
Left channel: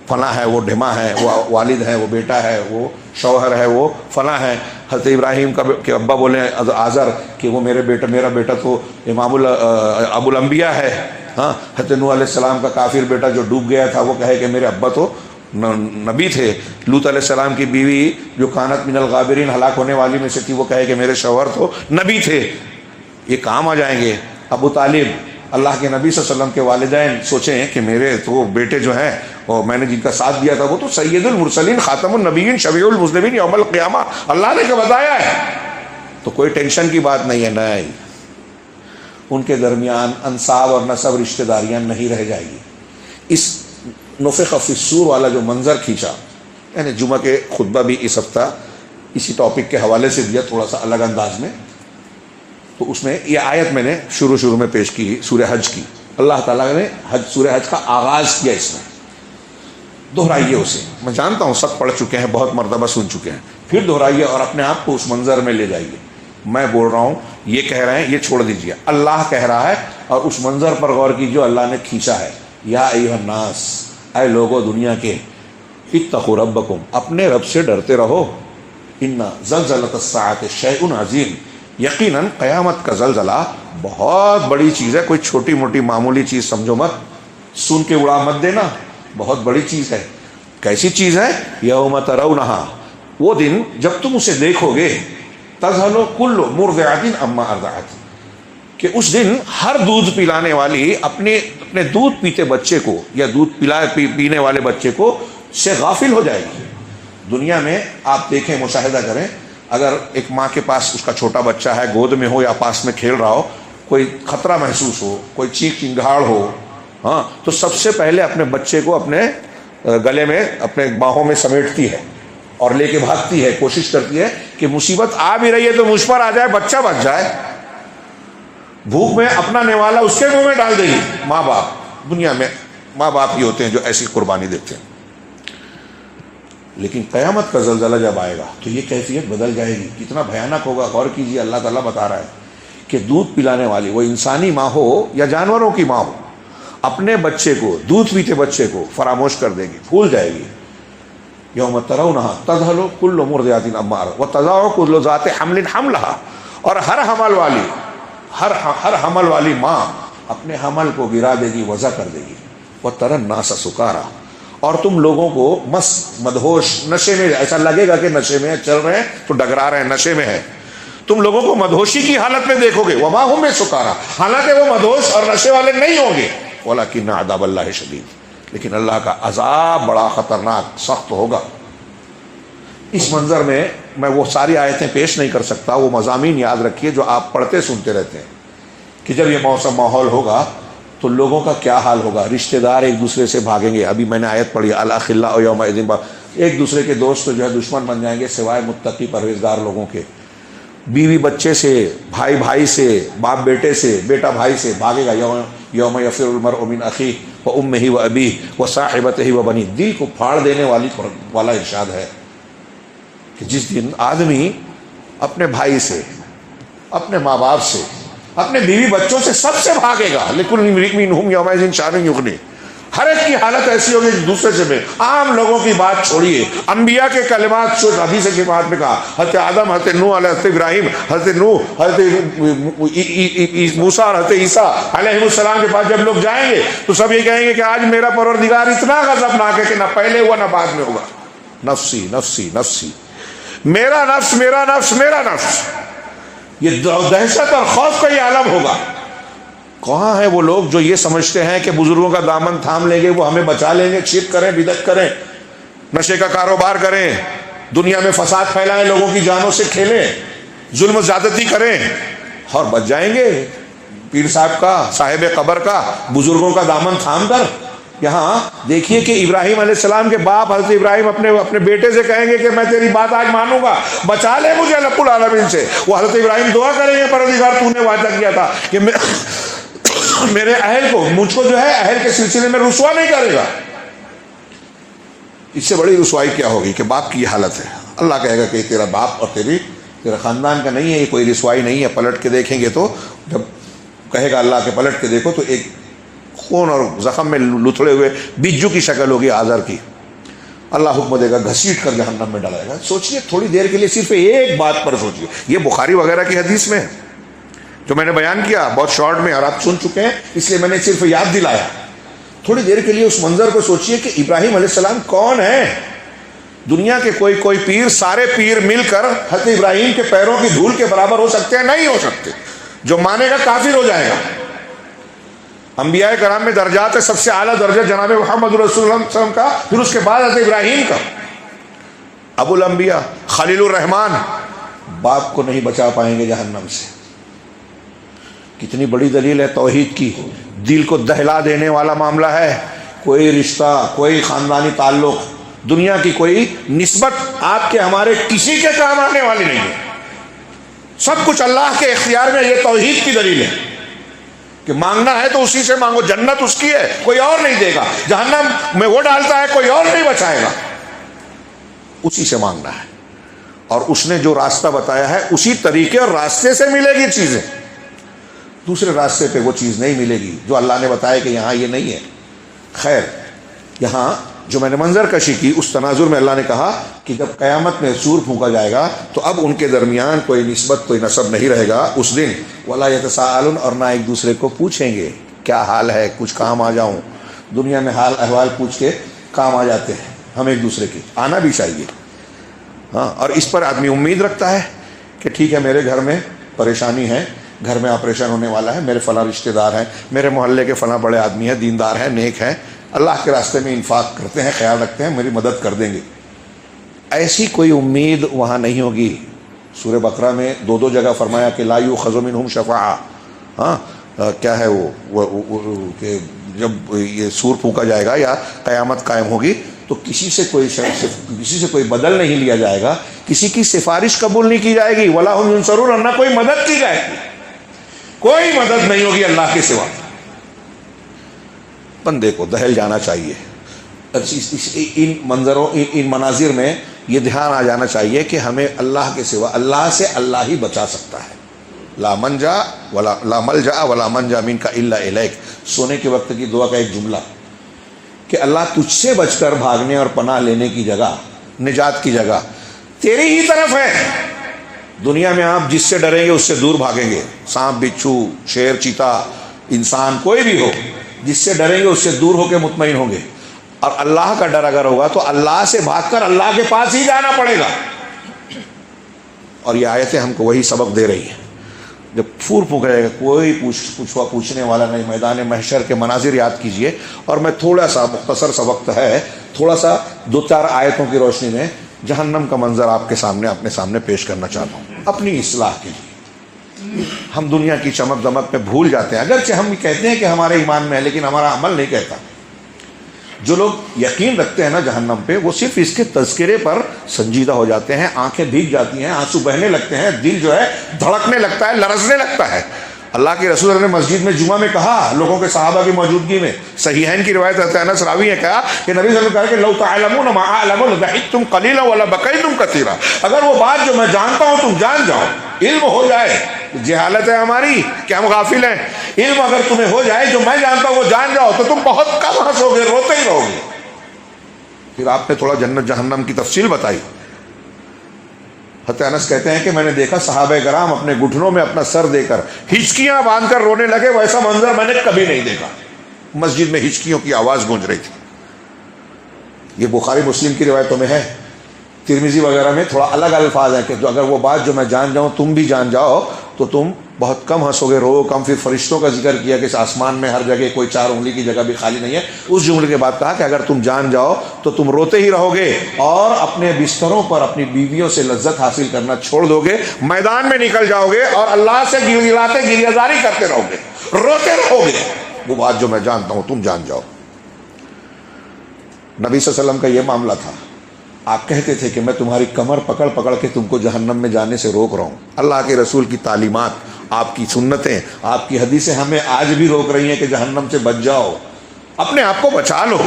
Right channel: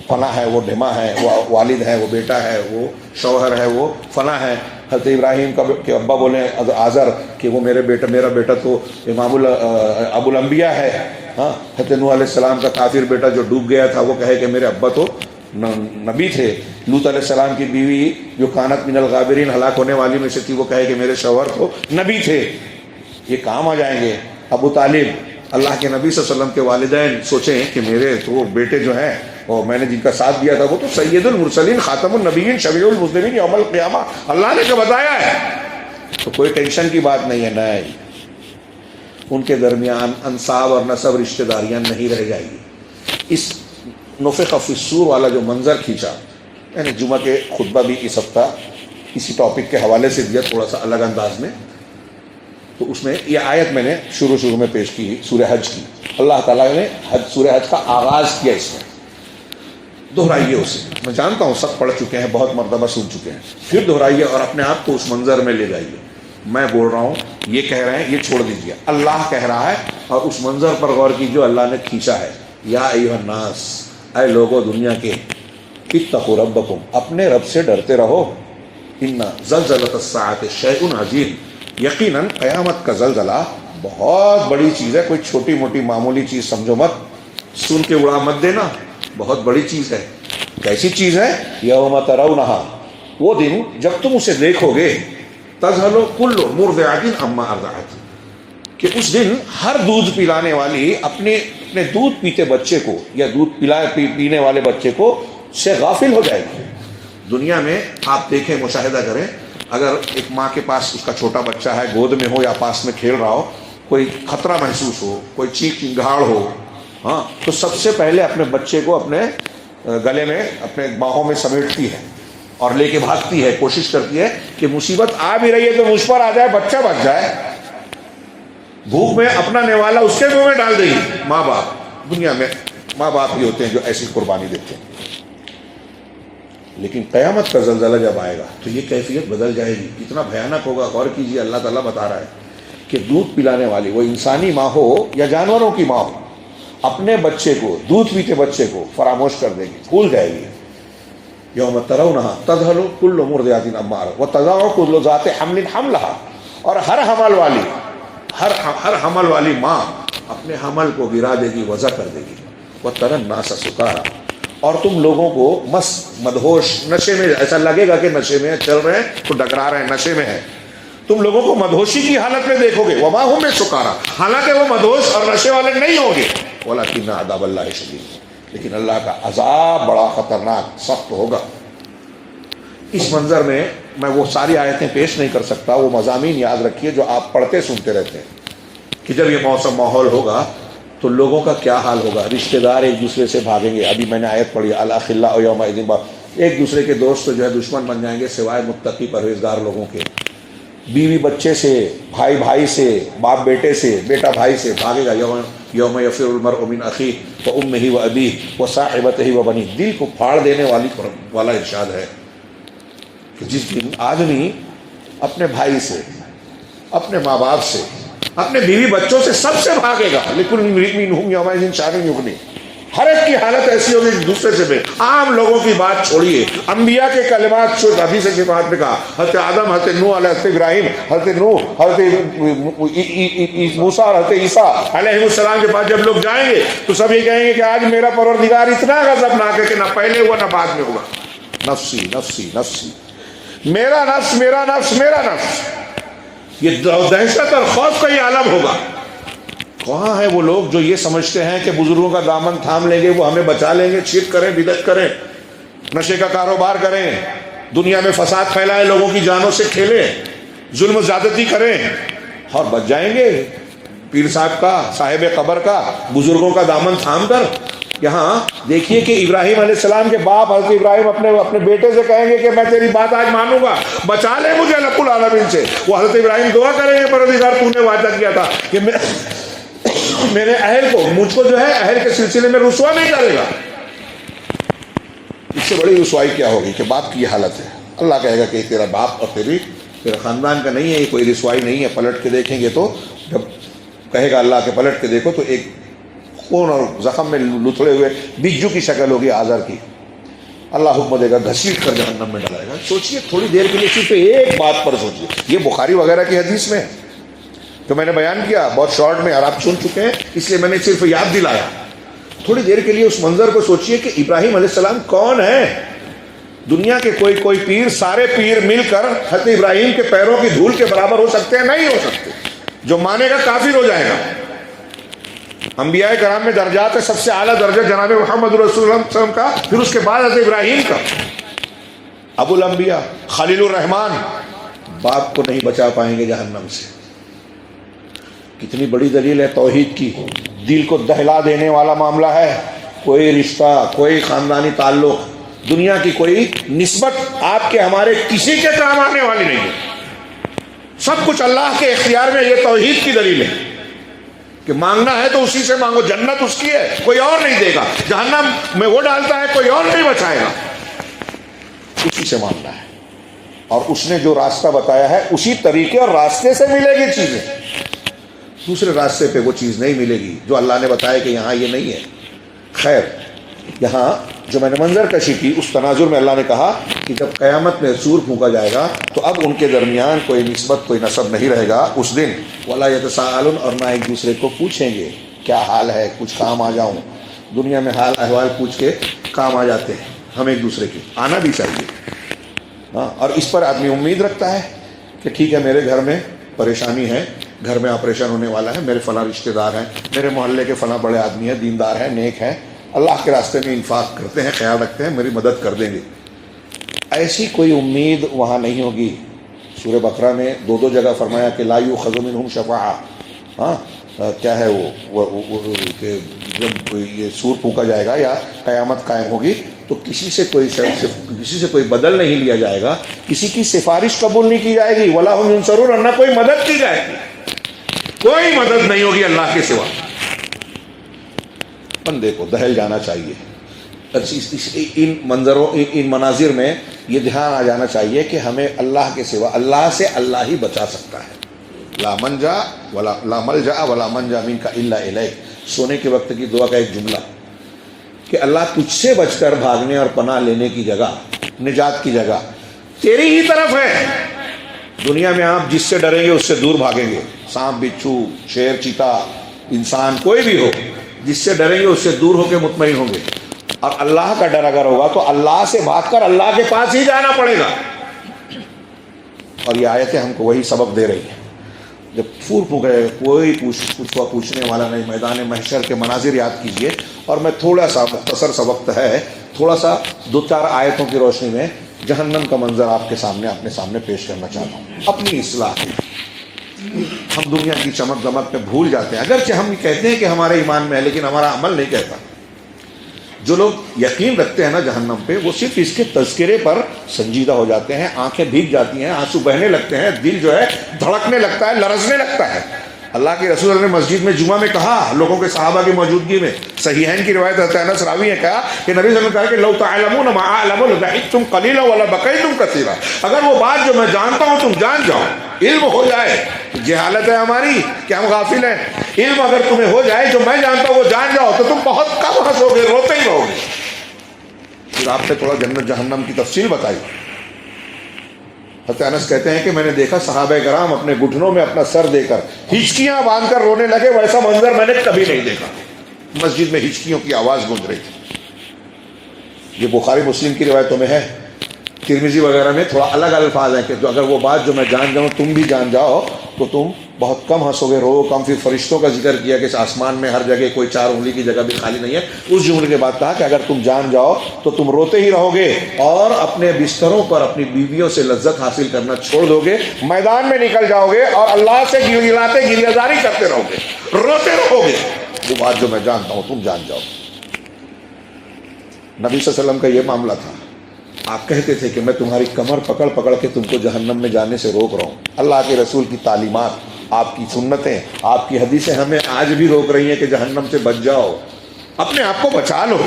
فلاں ہے، وہ ڈھما ہے، وہ والد ہے، وہ بیٹا ہے، وہ شوہر ہے، وہ فلاں ہے. حضرت ابراہیم کا کہ ابا بولے آزر کہ وہ میرا بیٹا تو امام ابو الانبیاء ہے. حضرت نوح علیہ السلام کا کافر بیٹا جو ڈوب گیا تھا، وہ کہے کہ میرے ابا تو نبی تھے. لوط علیہ السلام کی بیوی جو کانت من الغابرین، ہلاک ہونے والی میں سے تھی، وہ کہے کہ میرے شوہر تو نبی تھے. یہ کام آ جائیں گے. ابو طالب، اللہ کے نبی صلی اللہ علیہ وسلم کے والدین، سوچیں کہ میرے تو بیٹے جو ہیں، اور میں نے جن کا ساتھ دیا تھا، وہ تو سید المرسلین، خاتم النبیین، شفیع المذنبین یوم القیامہ اللہ نے جو بتایا ہے. تو کوئی ٹینشن کی بات نہیں ہے. نہیں، ان کے درمیان انصاب اور نسب، رشتہ داریاں نہیں رہ جائے گی. اس نفخ فی الصور والا جو منظر کھینچا، یعنی جمعہ کے خطبہ بھی اس ہفتہ اسی ٹاپک کے حوالے سے دیا، تھوڑا سا الگ انداز میں. تو اس میں یہ آیت میں نے شروع میں پیش کی، سورہ حج کی. اللہ تعالیٰ نے سورہ حج کا آغاز کیا. اس میں دہرائیے اسے. میں جانتا ہوں سب پڑھ چکے ہیں، بہت مرتبہ سن چکے ہیں، پھر دہرائیے اور اپنے آپ کو اس منظر میں لے جائیے. میں بول رہا ہوں، یہ کہہ رہے ہیں، یہ چھوڑ دیجیے. اللہ کہہ رہا ہے اور اس منظر پر غور کیجیے اللہ نے کھینچا ہے. یا ایھا الناس، اے لوگو دنیا کے، اتقوا ربکم، اپنے رب سے ڈرتے رہو. ان زلزلۃ الساعۃ شیء عظیم، یقیناً قیامت کا زلزلہ بہت بڑی چیز ہے. کوئی چھوٹی موٹی معمولی چیز سمجھو مت، سن کے اڑا مت دینا. بہت بڑی چیز ہے. کیسی چیز ہے؟ یوم ترونہا، وہ دن جب تم اسے دیکھو گے، تذہل کل مرضعۃ عما ارضعت، کہ اس دن ہر دودھ پلانے والی اپنے دودھ پیتے بچے کو، یا دودھ پینے والے بچے کو سے غافل ہو جائے گی. دنیا میں آپ دیکھیں، مشاہدہ کریں، اگر ایک ماں کے پاس اس کا چھوٹا بچہ ہے، گود میں ہو یا پاس میں کھیل رہا ہو، کوئی خطرہ محسوس ہو، کوئی چیخ چنگھاڑ ہو، تو سب سے پہلے اپنے بچے کو اپنے گلے میں، اپنے باہوں میں سمیٹتی ہے اور لے کے بھاگتی ہے، کوشش کرتی ہے کہ مصیبت آ بھی رہی ہے تو مجھ پر آ جائے، بچہ بچ جائے. بھوک میں اپنا نوالا اس کے منہ میں ڈال دے گی. ماں باپ، دنیا میں ماں باپ ہی ہوتے ہیں جو ایسی قربانی دیتے ہیں. لیکن قیامت کا زلزلہ جب آئے گا تو یہ کیفیت بدل جائے گی. کتنا بھیانک ہوگا، غور کیجیے. اللہ تعالیٰ بتا رہا ہے کہ دودھ پلانے والی، وہ انسانی ماں ہو یا جانوروں کی ماں ہو، اپنے بچے کو، دودھ پیتے بچے کو فراموش کر دے گی، بھول جائے گی. یوم ترونہا تذہل کل مرضعۃ عما ارضعت وتضع کل ذات حمل حملہا. اور ہر حمل والی ماں اپنے حمل کو گرا دے گی، وضع کر دے گی. وتری الناس سکارا. اور تم لوگوں کو مست، مدہوش، نشے میں، ایسا لگے گا کہ نشے میں چل رہے ہیں تو ڈگرا رہے ہیں، نشے میں ہیں. تم لوگوں کو مدہوشی کی حالت میں دیکھو گے. وما هم بسکارا، حالانکہ وہ مدہوش اور نشے والے نہیں ہوں گے. ولکن عذاب اللہ شدید، لیکن اللہ کا عذاب بڑا خطرناک، سخت ہوگا. اس منظر میں میں وہ ساری آیتیں پیش نہیں کر سکتا. وہ مضامین یاد رکھیے جو آپ پڑھتے سنتے رہتے ہیں کہ جب یہ موسم ماحول ہوگا تو لوگوں کا کیا حال ہوگا. رشتہ دار ایک دوسرے سے بھاگیں گے. ابھی میں نے آیت پڑھی، الاخلاء یومئذ، ایک دوسرے کے دوست جو ہے دشمن بن جائیں گے سوائے متقی پرہیزگار لوگوں کے. بیوی بچے سے، بھائی بھائی سے، باپ بیٹے سے، بیٹا بھائی سے بھاگے گا. یوم یفر المرء من اخیہ وامہ وابیہ وصاحبتہ وبنیہ. دل کو پھاڑ دینے والا ارشاد ہے کہ جس دن آدمی اپنے بھائی سے، اپنے ماں باپ سے، اپنے بیوی بچوں سے، سب سے بھاگے گا. لیکن امرئ منھم یومئذ شأن یغنیہ. ہر ایک کی حالت ایسی ہوگی ایک دوسرے سے. عام لوگوں کی بات چھوڑیے، انبیاء کے کلمات جو حدیث شفاعت میں کہا، حضرت آدم، حضرت نوح، حضرت ابراہیم، حضرت نوح، حضرت موسیٰ اور حضرت عیسیٰ علیہ السلام کے پاس جب لوگ جائیں گے تو سب یہ کہیں گے کہ آج میرا پروردگار اتنا غضبناک ہے کہ نہ پہلے ہوا نہ بعد میں ہوگا. نفسی نفسی نفسی، میرا نفس میرا نفس میرا نفس. یہ دہشت اور خوف کا یہ عالم ہوگا. کہاں ہے وہ لوگ جو یہ سمجھتے ہیں کہ بزرگوں کا دامن تھام لیں گے، وہ ہمیں بچا لیں گے، شرک کریں، بدعت کریں، نشے کا کاروبار کریں، دنیا میں فساد پھیلائیں، لوگوں کی جانوں سے کھیلیں، ظلم و زیادتی کریں اور بچ جائیں گے پیر صاحب کا، صاحب قبر کا، بزرگوں کا دامن تھام کر. یہاں دیکھیے کہ ابراہیم علیہ السلام کے باپ حضرت ابراہیم اپنے بیٹے سے کہیں گے کہ میں تیری بات آج مانوں گا، بچا لے مجھے رب العالمین سے. وہ حضرت ابراہیم دعا کریں گے، پروردگار تو نے وعدہ کیا تھا کہ میرے اہل کو، مجھ کو جو ہے اہل کے سلسلے میں رسوا نہیں کرے گا. اس سے بڑی رسوائی کیا ہوگی کہ باپ کی یہ حالت ہے. اللہ کہے گا کہ تیرا باپ اور تیرا خاندان کا نہیں ہے، یہ کوئی رسوائی نہیں ہے. پلٹ کے دیکھیں گے تو جب کہے گا اللہ کے پلٹ کے دیکھو تو ایک خون اور زخم میں لتھڑے ہوئے بجو کی شکل ہوگی آزر کی. اللہ حکم دے گا، گھسیٹ کر جہنم میں ڈالے گا. سوچئے تھوڑی دیر کے لیے صرف ایک بات پر سوچئے. یہ بخاری وغیرہ کی حدیث میں جو میں نے بیان کیا بہت شارٹ میں، اور آپ سن چکے ہیں، اس لیے میں نے صرف یاد دلایا. تھوڑی دیر کے لیے اس منظر کو سوچئے کہ ابراہیم علیہ السلام کون ہے. دنیا کے کوئی پیر، سارے پیر مل کر حضرت ابراہیم کے پیروں کی دھول کے برابر ہو سکتے ہیں؟ نہیں ہو سکتے. جو مانے گا کافر ہو جائے گا. انبیاء کرام میں درجات ہے، سب سے اعلیٰ درجہ جناب محمد رسول اللہ صلی اللہ علیہ وسلم کا، پھر اس کے بعد حضرت ابراہیم کا. ابو الانبیاء خلیل الرحمان باپ کو نہیں بچا پائیں گے جہنم سے. کتنی بڑی دلیل ہے توحید کی. دل کو دہلا دینے والا معاملہ ہے. کوئی رشتہ، کوئی خاندانی تعلق، دنیا کی کوئی نسبت آپ کے ہمارے کسی کے کام آنے والی نہیں ہے. سب کچھ اللہ کے اختیار میں. یہ توحید کی دلیل ہے کہ مانگنا ہے تو اسی سے مانگو. جنت اس کی ہے، کوئی اور نہیں دے گا. جہنم میں وہ ڈالتا ہے، کوئی اور نہیں بچائے گا. اسی سے مانگنا ہے. اور اس نے جو راستہ بتایا ہے اسی طریقے اور راستے سے ملے گی چیزیں. دوسرے راستے پہ وہ چیز نہیں ملے گی جو اللہ نے بتایا کہ یہاں یہ نہیں ہے. خیر، یہاں جو میں نے منظر کشی کی اس تناظر میں اللہ نے کہا کہ جب قیامت میں سور پھونکا جائے گا تو اب ان کے درمیان کوئی نسبت، کوئی نسب نہیں رہے گا اس دن. وَلَا يَتَسَاءَلُونَ، اور نہ ایک دوسرے کو پوچھیں گے کیا حال ہے، کچھ کام آ جاؤں. دنیا میں حال احوال پوچھ کے کام آ جاتے ہیں ہم ایک دوسرے کے، آنا بھی چاہیے. ہاں، اور اس پر آدمی امید رکھتا ہے کہ ٹھیک ہے میرے گھر میں پریشانی ہے، گھر میں آپریشن ہونے والا ہے، میرے فلاں رشتہ دار ہیں، میرے محلے کے فلاں بڑے آدمی ہیں، دیندار ہیں، نیک ہیں، اللہ کے راستے میں انفاق کرتے ہیں، خیال رکھتے ہیں، میری مدد کر دیں گے. ایسی کوئی امید وہاں نہیں ہوگی. سورہ بقرہ میں دو جگہ فرمایا کہ لا یؤخذ منہم شفاعہ. ہاں، کیا ہے وہ کہ جب یہ سور پھونکا جائے گا یا قیامت قائم ہوگی تو کسی سے کوئی بدل نہیں لیا جائے گا، کسی کی سفارش قبول نہیں کی جائے گی، ولا هم ينصرون، اور نہ کوئی مدد کی جائے گی، کوئی مدد نہیں ہوگی اللہ کے سوا۔ بندے کو دہل جانا چاہیے ان منظروں، ان مناظر میں یہ دھیان آ جانا چاہیے کہ ہمیں اللہ کے سوا، اللہ سے اللہ ہی بچا سکتا ہے۔ لا ملجا ولا منجا منک الا الیک، سونے کے وقت کی دعا کا ایک جملہ کہ اللہ تجھ سے بچ کر بھاگنے اور پناہ لینے کی جگہ، نجات کی جگہ تیری ہی طرف ہے۔ دنیا میں آپ جس سے ڈریں گے اس سے دور بھاگیں گے، سانپ بچھو شیر چیتا انسان کوئی بھی ہو، جس سے ڈریں گے اس سے دور ہو کے مطمئن ہوں گے، اور اللہ کا ڈر اگر ہوگا تو اللہ سے بھاگ کر اللہ کے پاس ہی جانا پڑے گا۔ اور یہ آیتیں ہم کو وہی سبق دے رہی ہیں۔ جب پھور پھونکے گا کوئی پوچھنے والا نہیں، میدان محشر کے مناظر یاد کیجئے، اور میں تھوڑا سا مختصر سا وقت ہے، تھوڑا سا 2-4 آیتوں کی روشنی میں جہنم کا منظر آپ کے سامنے اپنے سامنے پیش کرنا چاہتا ہوں، اپنی اصلاح کی۔ ہم دنیا کی چمک دمک پہ بھول جاتے ہیں، اگرچہ ہم کہتے ہیں کہ ہمارے ایمان میں ہے لیکن ہمارا عمل نہیں کہتا۔ جو لوگ یقین رکھتے ہیں نا جہنم پہ، وہ صرف اس کے تذکرے پر سنجیدہ ہو جاتے ہیں، آنکھیں بھیگ جاتی ہیں، آنسو بہنے لگتے ہیں، دل جو ہے دھڑکنے لگتا ہے، لرزنے لگتا ہے۔ اللہ کے رسول نے مسجد میں جمعہ میں کہا، لوگوں کے صحابہ کی موجودگی میں، صحیحین کی روایت حضرت انس راوی نے کہا کہ نبی صلی اللہ علیہ وسلم نے کہا کہ لو تعلمون ما اعلم لضحكتم قليلا ولا بكيتم كثيرا، اگر وہ بات جو میں جانتا ہوں تم جان جاؤ، علم ہو جائے، جہالت ہے ہماری کہ ہم غافل ہیں، علم اگر تمہیں ہو جائے جو میں جانتا ہوں وہ جان جاؤ تو تم بہت کم ہنسو گے، روتے ہی رہو گے۔ پھر آپ نے تھوڑا جنت جہنم کی تفصیل بتائی۔ حضرت انس کہتے ہیں کہ میں نے دیکھا صحابہ کرام اپنے گھٹنوں میں اپنا سر دے کر ہچکیاں باندھ کر رونے لگے، ویسا منظر میں نے کبھی نہیں دیکھا۔ مسجد میں ہچکیوں کی آواز گونج رہی تھی۔ یہ بخاری مسلم کی روایتوں میں ہے، ترمذی وغیرہ میں تھوڑا الگ الفاظ ہیں کہ اگر وہ بات جو میں جان جاؤں تم بھی جان جاؤ تو تم بہت کم ہنسو گے، رو کم۔ پھر فرشتوں کا ذکر کیا کہ آسمان میں ہر جگہ کوئی 4 انگلی کی جگہ بھی خالی نہیں ہے۔ اس جملے کے بعد کہا کہ اگر تم جان جاؤ تو تم روتے ہی رہو گے اور اپنے بستروں پر اپنی بیویوں سے لذت حاصل کرنا چھوڑ دو گے، میدان میں نکل جاؤ گے اور اللہ سے گریہ زاری کرتے رہو گے، روتے رہو گے۔ وہ بات جو میں جانتا ہوں تم جان جاؤ۔ نبی صلی اللہ علیہ وسلم کا یہ معاملہ تھا۔ آپ کہتے تھے کہ میں تمہاری کمر پکڑ پکڑ کے تم کو جہنم میں جانے سے روک رہا ہوں۔ اللہ کے رسول کی تعلیمات، آپ کی سنتیں، آپ کی حدیثیں ہمیں آج بھی روک رہی ہیں کہ جہنم سے بچ جاؤ، اپنے آپ کو بچا لو۔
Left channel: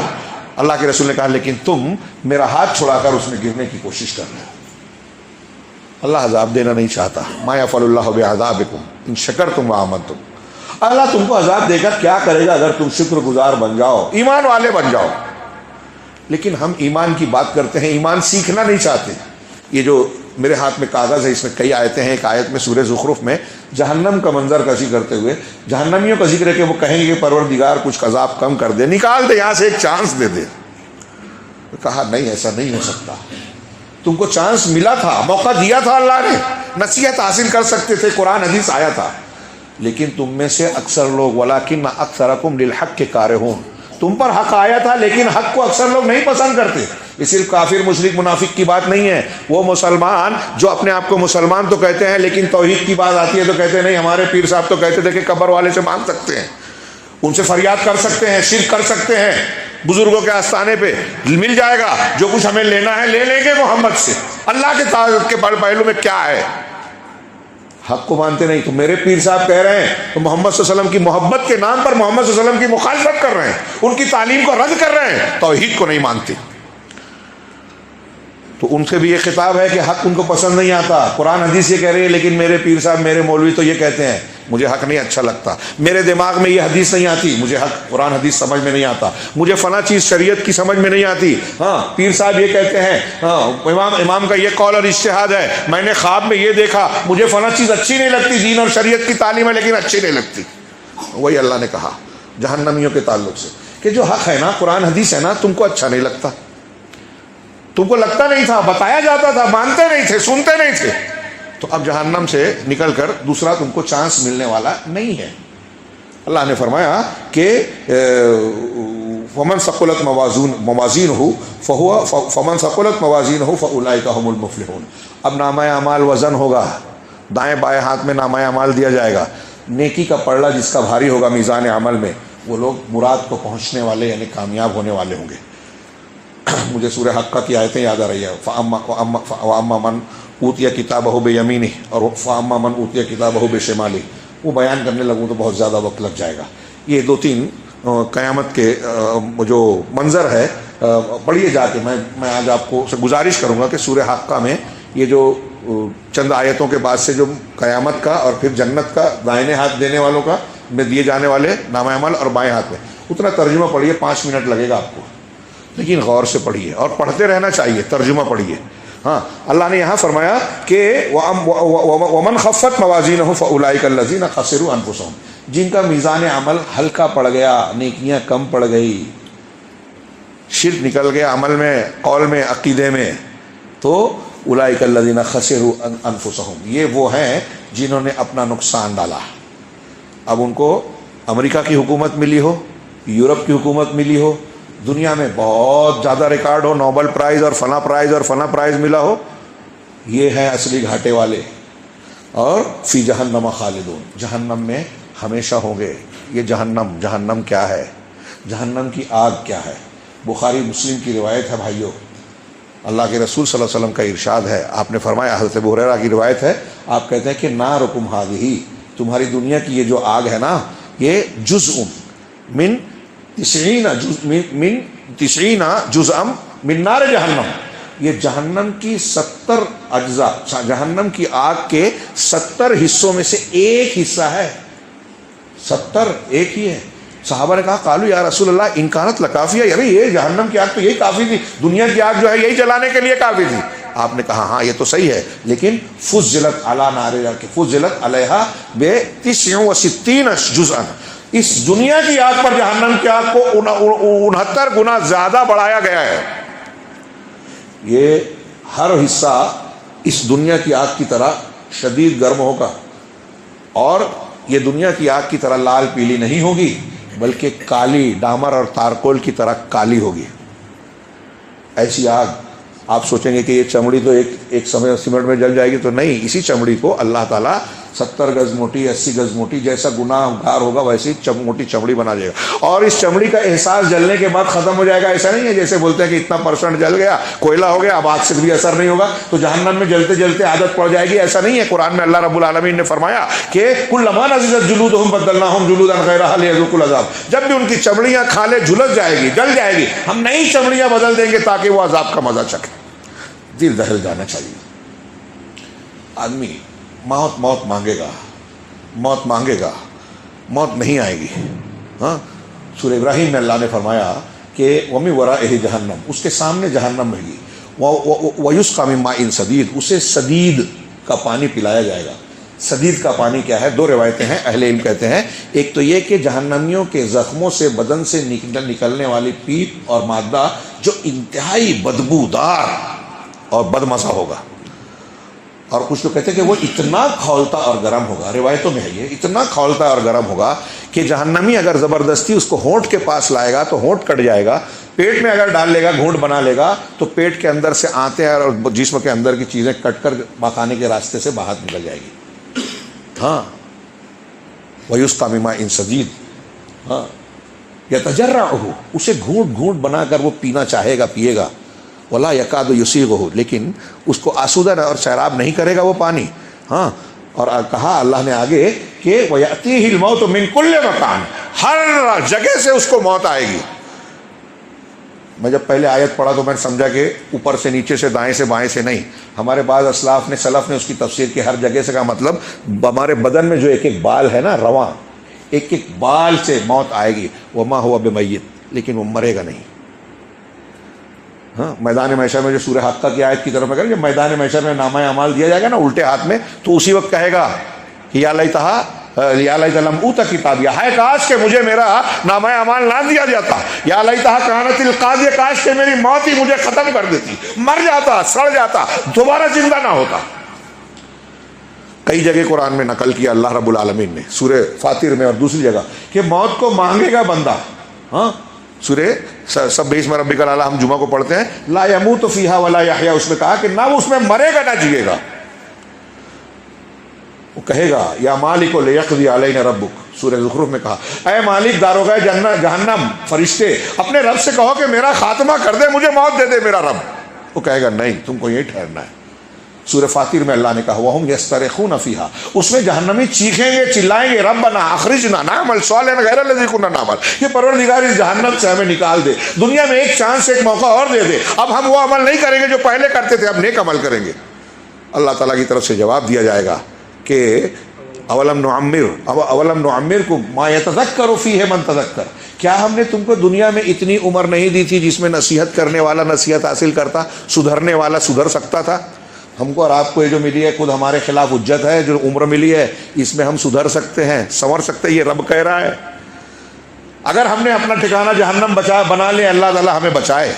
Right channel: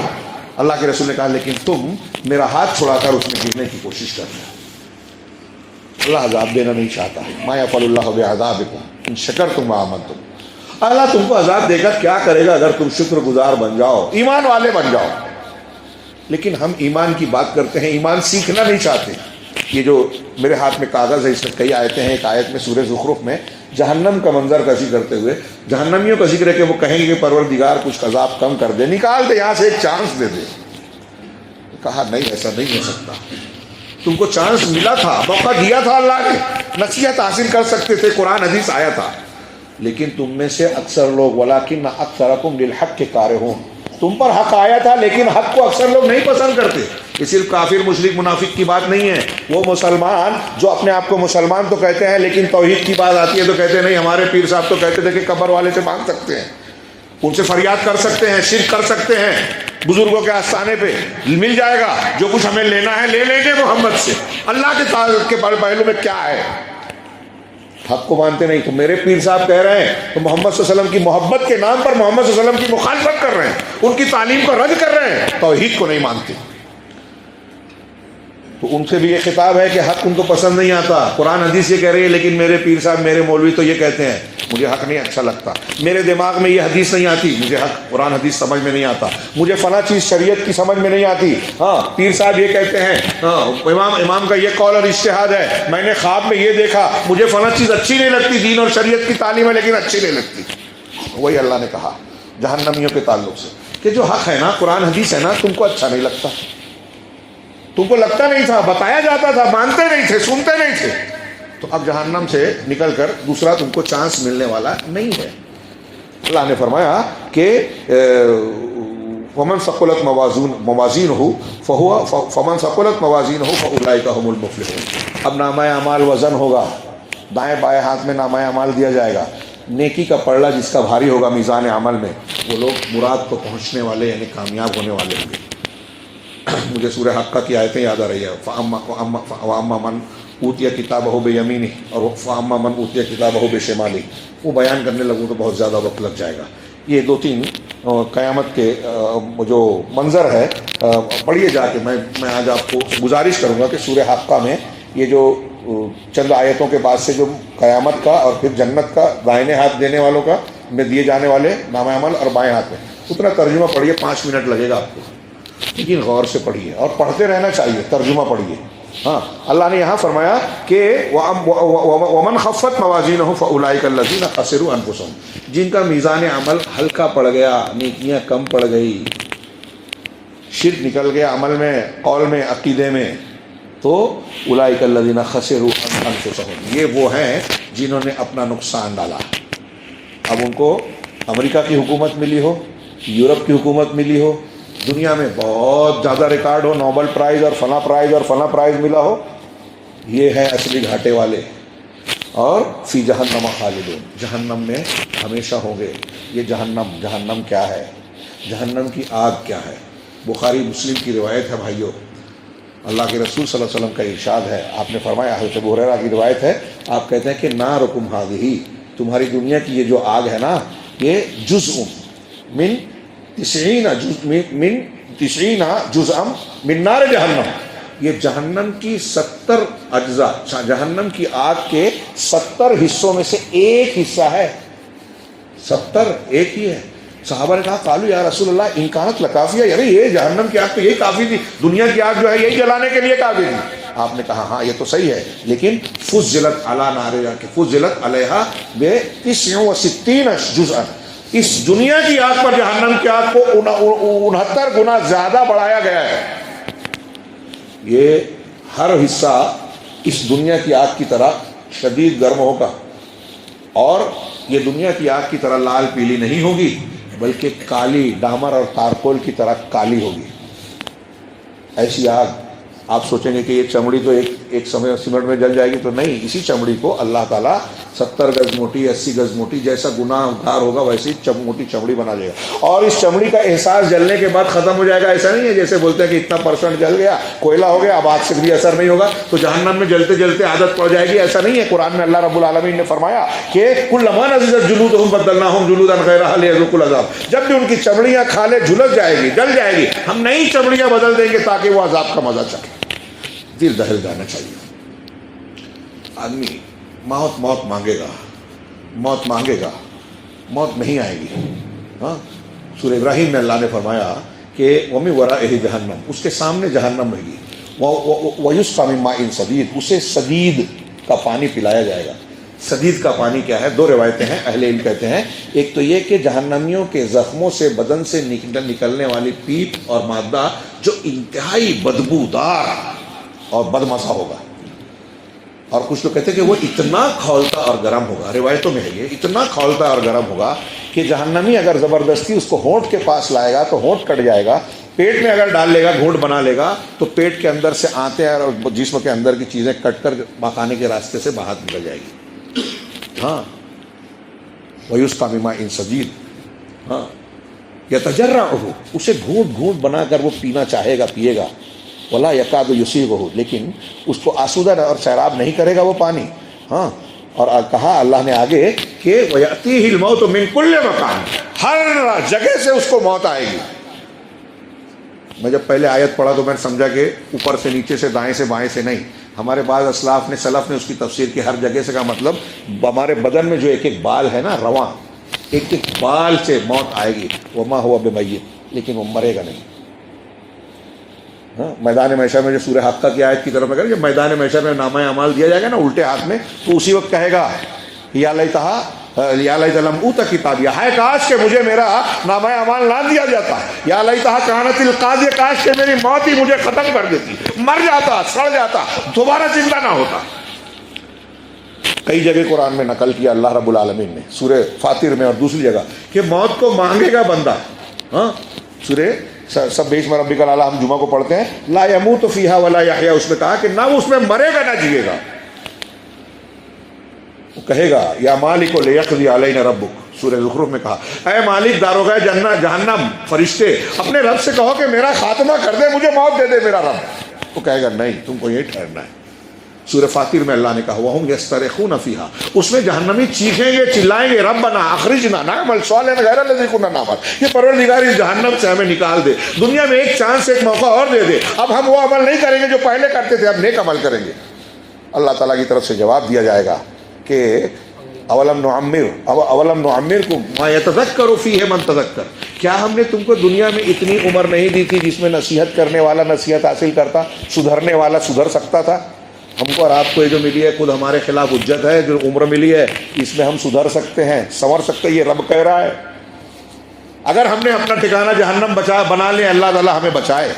اللہ کے رسول نے کہا لیکن تم میرا ہاتھ چھڑا کر اس میں گرنے کی کوشش کرنا۔ اللہ عذاب دینا نہیں چاہتا۔ ما یفعل اللہ بعذابکم ان شکرتم وآمنتم، اللہ تم کو عذاب دے کر کیا کرے گا اگر تم شکر گزار بن جاؤ، ایمان والے بن جاؤ۔ لیکن ہم ایمان کی بات کرتے ہیں، ایمان سیکھنا نہیں چاہتے۔ یہ جو میرے ہاتھ میں کاغذ ہے اس میں کئی آیتیں ہیں۔ ایک آیت میں سورہ زخرف میں جہنم کا منظر کشی کرتے ہوئے جہنمیوں کا ذکر ہے کہ وہ کہیں گے پروردگار کچھ عذاب کم کر دے، نکال دے یہاں سے، ایک چانس دے دے۔ کہا نہیں، ایسا نہیں ہو سکتا، تم کو چانس ملا تھا، موقع دیا تھا اللہ نے، نصیحت حاصل کر سکتے تھے، قرآن حدیث آیا تھا، لیکن تم میں سے اکثر لوگ ولکن اکثرکم للحق کارہون، تم پر حق آیا تھا لیکن حق کو اکثر لوگ نہیں پسند کرتے۔ یہ صرف کافر مشرک منافق کی بات نہیں ہے، وہ مسلمان جو اپنے آپ کو مسلمان تو کہتے ہیں لیکن توحید کی بات آتی ہے تو کہتے ہیں نہیں، ہمارے پیر صاحب تو کہتے تھے کہ قبر والے سے مانگ سکتے ہیں، ان سے فریاد کر سکتے ہیں، شرک کر سکتے ہیں، بزرگوں کے آستانے پہ مل جائے گا، جو کچھ ہمیں لینا ہے لے لیں گے محمد سے۔ اللہ کے پہلو میں کیا ہے؟ حق کو مانتے نہیں۔ تو میرے پیر صاحب کہہ رہے ہیں تو محمد صلی اللہ علیہ وسلم کی محبت کے نام پر محمد صلی اللہ علیہ وسلم کی مخالفت کر رہے ہیں، ان کی تعلیم کو رد کر رہے ہیں، توحید کو نہیں مانتے۔ تو ان سے بھی یہ خطاب ہے کہ حق ان کو پسند نہیں آتا، قرآن حدیث یہ کہہ رہی ہے لیکن میرے پیر صاحب میرے مولوی تو یہ کہتے ہیں مجھے حق نہیں اچھا لگتا، میرے دماغ میں یہ حدیث نہیں آتی، مجھے حق قرآن حدیث سمجھ میں نہیں آتا، مجھے فلاں چیز شریعت کی سمجھ میں نہیں آتی۔ ہاں پیر صاحب یہ کہتے ہیں، ہاں امام کا یہ قول اور اجتہاد ہے، میں نے خواب میں یہ دیکھا، مجھے فلاں چیز اچھی نہیں لگتی، دین اور شریعت کی تعلیم ہے لیکن اچھی نہیں لگتی۔ وہی اللہ نے کہا جہنمیوں کے تعلق سے کہ جو حق ہے نا، قرآن حدیث ہے نا، تم کو اچھا نہیں لگتا، تم کو لگتا نہیں تھا، بتایا جاتا تھا، مانتے نہیں تھے، سنتے نہیں تھے، تو اب جہنم سے نکل کر دوسرا تم کو چانس ملنے والا نہیں ہے۔ اللہ نے فرمایا کہ فمن ثقلت موازینہ فاولئک هم المفلحون۔ اب نامہ اعمال وزن ہوگا، دائیں بائیں ہاتھ میں نامہ اعمال دیا جائے گا، نیکی کا پلڑا جس کا بھاری ہوگا میزان عمل میں، وہ لوگ مراد کو پہنچنے والے یعنی کامیاب ہونے والے ہوں گے۔ مجھے سورہ حقہ کی آیتیں یاد آ رہی ہیں، فَأَمَّا مَنْ اوتیہ کتابہ بیمینہ اور فَأَمَّا مَنْ اوتیہ کتابہ بشمالہ، وہ بیان کرنے لگوں تو بہت زیادہ وقت لگ جائے گا. یہ دو تین قیامت کے جو منظر ہے پڑھیے جا کے. میں آج آپ کو گزارش کروں گا کہ سورہ حقہ میں یہ جو چند آیتوں کے بعد سے جو قیامت کا اور پھر جنت کا دائیں ہاتھ دینے والوں کا میں دیے جانے والے نامہ عمل اور بائیں ہاتھ میں اتنا ترجمہ پڑھیے، 5 منٹ لگے گا آپ کو، لیکن غور سے پڑھیے اور پڑھتے رہنا چاہیے، ترجمہ پڑھیے. ہاں، اللہ نے یہاں فرمایا کہ وَمَنْ خَفَّتْ مَوَازِينُهُ فَأُولَٰئِكَ الَّذِينَ خَسِرُوا أَنفُسَهُم، جن کا میزان عمل ہلکا پڑ گیا، نیکیاں کم پڑ گئی، شرک نکل گیا عمل میں، قول میں، عقیدے میں، تو اولئک الذین خسروا انفسهم، یہ وہ ہیں جنہوں نے اپنا نقصان ڈالا. اب ان کو امریکہ کی حکومت ملی ہو، یورپ کی حکومت ملی ہو، دنیا میں بہت زیادہ ریکارڈ ہو، نوبل پرائز اور فلاں پرائز ملا ہو، یہ ہیں اصلی گھاٹے والے. اور فی جہنم خالدون، جہنم میں ہمیشہ ہوں گے. یہ جہنم کیا ہے؟ جہنم کی آگ کیا ہے؟ بخاری مسلم کی روایت ہے بھائیوں. اللہ کے رسول صلی اللہ علیہ وسلم کا ارشاد ہے، آپ نے فرمایا، حضرت ابو ہریرہ کی روایت ہے، آپ کہتے ہیں کہ نارکم ھذہ، تمہاری دنیا کی یہ جو آگ ہے نا، یہ جزء من 90 جزء من نار جہنم، یہ جہنم کی 70 اجزاء، جہنم کی آگ کے 70 حصوں میں سے ایک حصہ ہے. 70 ایک ہی ہے. صحابہ نے کہا قالوا یا رسول اللہ ان کانت لکافیہ، یعنی یہ جہنم کی آگ تو یہی کافی تھی، دنیا کی آگ جو ہے یہی جلانے کے لیے کافی تھی. آپ نے کہا ہاں یہ تو صحیح ہے، لیکن فضلت علی نار، فضلت علیہا ب69 جزءا، اس دنیا کی آگ پر جہنم کی آگ کو 69 گنا زیادہ بڑھایا گیا ہے. یہ ہر حصہ اس دنیا کی آگ کی طرح شدید گرم ہوگا، اور یہ دنیا کی آگ کی طرح لال پیلی نہیں ہوگی، بلکہ کالی ڈامر اور تارکول کی طرح کالی ہوگی. ایسی آگ آپ سوچیں گے کہ یہ چمڑی تو ایک سمنٹ میں جل جائے گی، تو نہیں، اسی چمڑی کو اللہ تعالیٰ 70 گز موٹی، 80 گز موٹی، جیسا گناہ گار ہوگا ویسی موٹی چمڑی بنا دے گا. اور اس چمڑی کا احساس جلنے کے بعد ختم ہو جائے گا. ایسا نہیں ہے جیسے بولتے ہیں کہ اتنا % جل گیا، کوئلہ ہو گیا، اب آج سے بھی اثر نہیں ہوگا تو جہنم میں جلتے جلتے عادت پڑ جائے گی. ایسا نہیں ہے. قرآن میں اللہ رب العالمین نے فرمایا کہ کلما نضجت جلودہم بدلناہم جلودا غیرہا لیذوقوا العذاب، جب بھی ان کی چمڑیاں کھالے جھلس جائے گی، جل جائے گی، ہم نئی چمڑیاں بدل دیں گے تاکہ وہ عذاب کا مزہ چکھے. دل دہل جانا چاہیے. آدمی موت مانگے گا، موت نہیں آئے گی. ہاں، سورہ ابراہیم میں اللہ نے فرمایا کہ وَمِن وَرَائِهِ جہنم، اس کے سامنے جہنم رہے گی. وَيُسْقَىٰ مِن مَّاءٍ صَدِيدٍ، اسے سدید کا پانی پلایا جائے گا. سدید کا پانی کیا ہے؟ 2 روایتیں ہیں، اہل علم کہتے ہیں. ایک تو یہ کہ جہنمیوں کے زخموں سے بدن سے نکلنے والی پیپ اور مادہ جو انتہائی بدبودار اور بدمزہ ہوگا، اور کچھ تو کہتے ہیں کہ وہ اتنا کھولتا اور گرم ہوگا، روایتوں میں ہے یہ، اتنا کھولتا اور گرم ہوگا کہ جہنمی اگر زبردستی اس کو ہونٹ کے پاس لائے گا تو ہونٹ کٹ جائے گا، پیٹ میں اگر ڈال لے گا، گھونٹ بنا لے گا تو پیٹ کے اندر سے آنتیں اور جسم کے اندر کی چیزیں کٹ کر مکھانے کے راستے سے باہر نکل جائے گی. ہاں، وَيُسْقَىٰ مِن مَّاءٍ صَدِيدٍ، ہاں، يَتَجَرَّعُهُ، اسے گھونٹ بنا کر وہ پینا چاہے گا، پیے گا. ولا یکاد یسیغہ، لیکن اس کو آسودہ اور سیراب نہیں کرے گا وہ پانی. ہاں، اور کہا اللہ نے آگے کہ وَيَأْتِيهِ الْمَوْتُ مِنْ كُلِّ مَكَانٍ، ہر جگہ سے اس کو موت آئے گی. میں جب پہلے آیت پڑھا تو میں نے سمجھا کہ اوپر سے نیچے سے دائیں سے بائیں سے نہیں. ہمارے بعض اسلاف نے سلف نے اس کی تفسیر کی ہر جگہ سے کا مطلب ہمارے بدن میں جو ایک بال ہے نا، رواں، ایک بال سے موت آئے گی. وما هو بمیت، لیکن وہ مرے گا نہیں. ہاں، میدان محشر میں جو سورہ حقہ کی آیت کی طرف میں کہ میدان محشر میں نامہ اعمال دیا جائے گا نا الٹے ہاتھ میں، تو اسی وقت کہے گا یا لیتہ لم اوت کتابیہ، ہائے کاش کہ مجھے میرا نامہ اعمال نہ دیا جاتا، یا لیتہ کانت القاضیہ، کاش کہ میری موت ہی مجھے ختم کر دیتی، مر جاتا، سڑ جاتا، دوبارہ زندہ نہ ہوتا. کئی جگہ قرآن میں نقل کیا اللہ رب العالمین نے، سورہ فاطر میں اور دوسری جگہ، کہ موت کو مانگے گا بندہ. ہاں، سورہ سبح اسم ربک الاعلی ہم جمعہ کو پڑھتے ہیں، لا یموت فیہا ولا یحیا، اس میں کہا کہ نہ وہ اس میں مرے گا نہ جیے گا. وہ کہے گا یا مالک لیقضی علینا ربک، سورہ زخرف میں کہا اے مالک داروغہ جہنم فرشتے اپنے رب سے کہو کہ میرا خاتمہ کر دے، مجھے موت دے دے میرا رب۔ وہ کہے گا نہیں، تم کو یہی ٹھہرنا ہے۔ سورہ فاطر میں اللہ نے کہا وَهُمْ يَسْتَرِخُونَ فِيهَا، اس میں جہنمی چیخیں گے چلائیں گے ربنا اخرجنا نعمل صالحا غیر الذی کنا نعمل، یہ پروردگار اس جہنم سے ہمیں نکال دے، دنیا میں ایک چانس ایک موقع اور دے دے، اب ہم وہ عمل نہیں کریں گے جو پہلے کرتے تھے، اب نیک عمل کریں گے۔ اللہ تعالیٰ کی طرف سے جواب دیا جائے گا کہ اولم نعمرکم ما یتذکر فیہ من تذکر، کیا ہم نے تم کو دنیا میں اتنی عمر نہیں دی تھی جس میں نصیحت کرنے والا نصیحت حاصل کرتا، سدھرنے والا سدھر سکتا تھا؟ ہم کو اور آپ کو یہ جو ملی ہے خود ہمارے خلاف حجت ہے، جو عمر ملی ہے اس میں ہم سدھر سکتے ہیں، سنور سکتے ہیں، یہ رب کہہ رہا ہے۔ اگر ہم نے اپنا ٹھکانہ جہنم بنا لے، اللہ تعالیٰ ہمیں بچائے،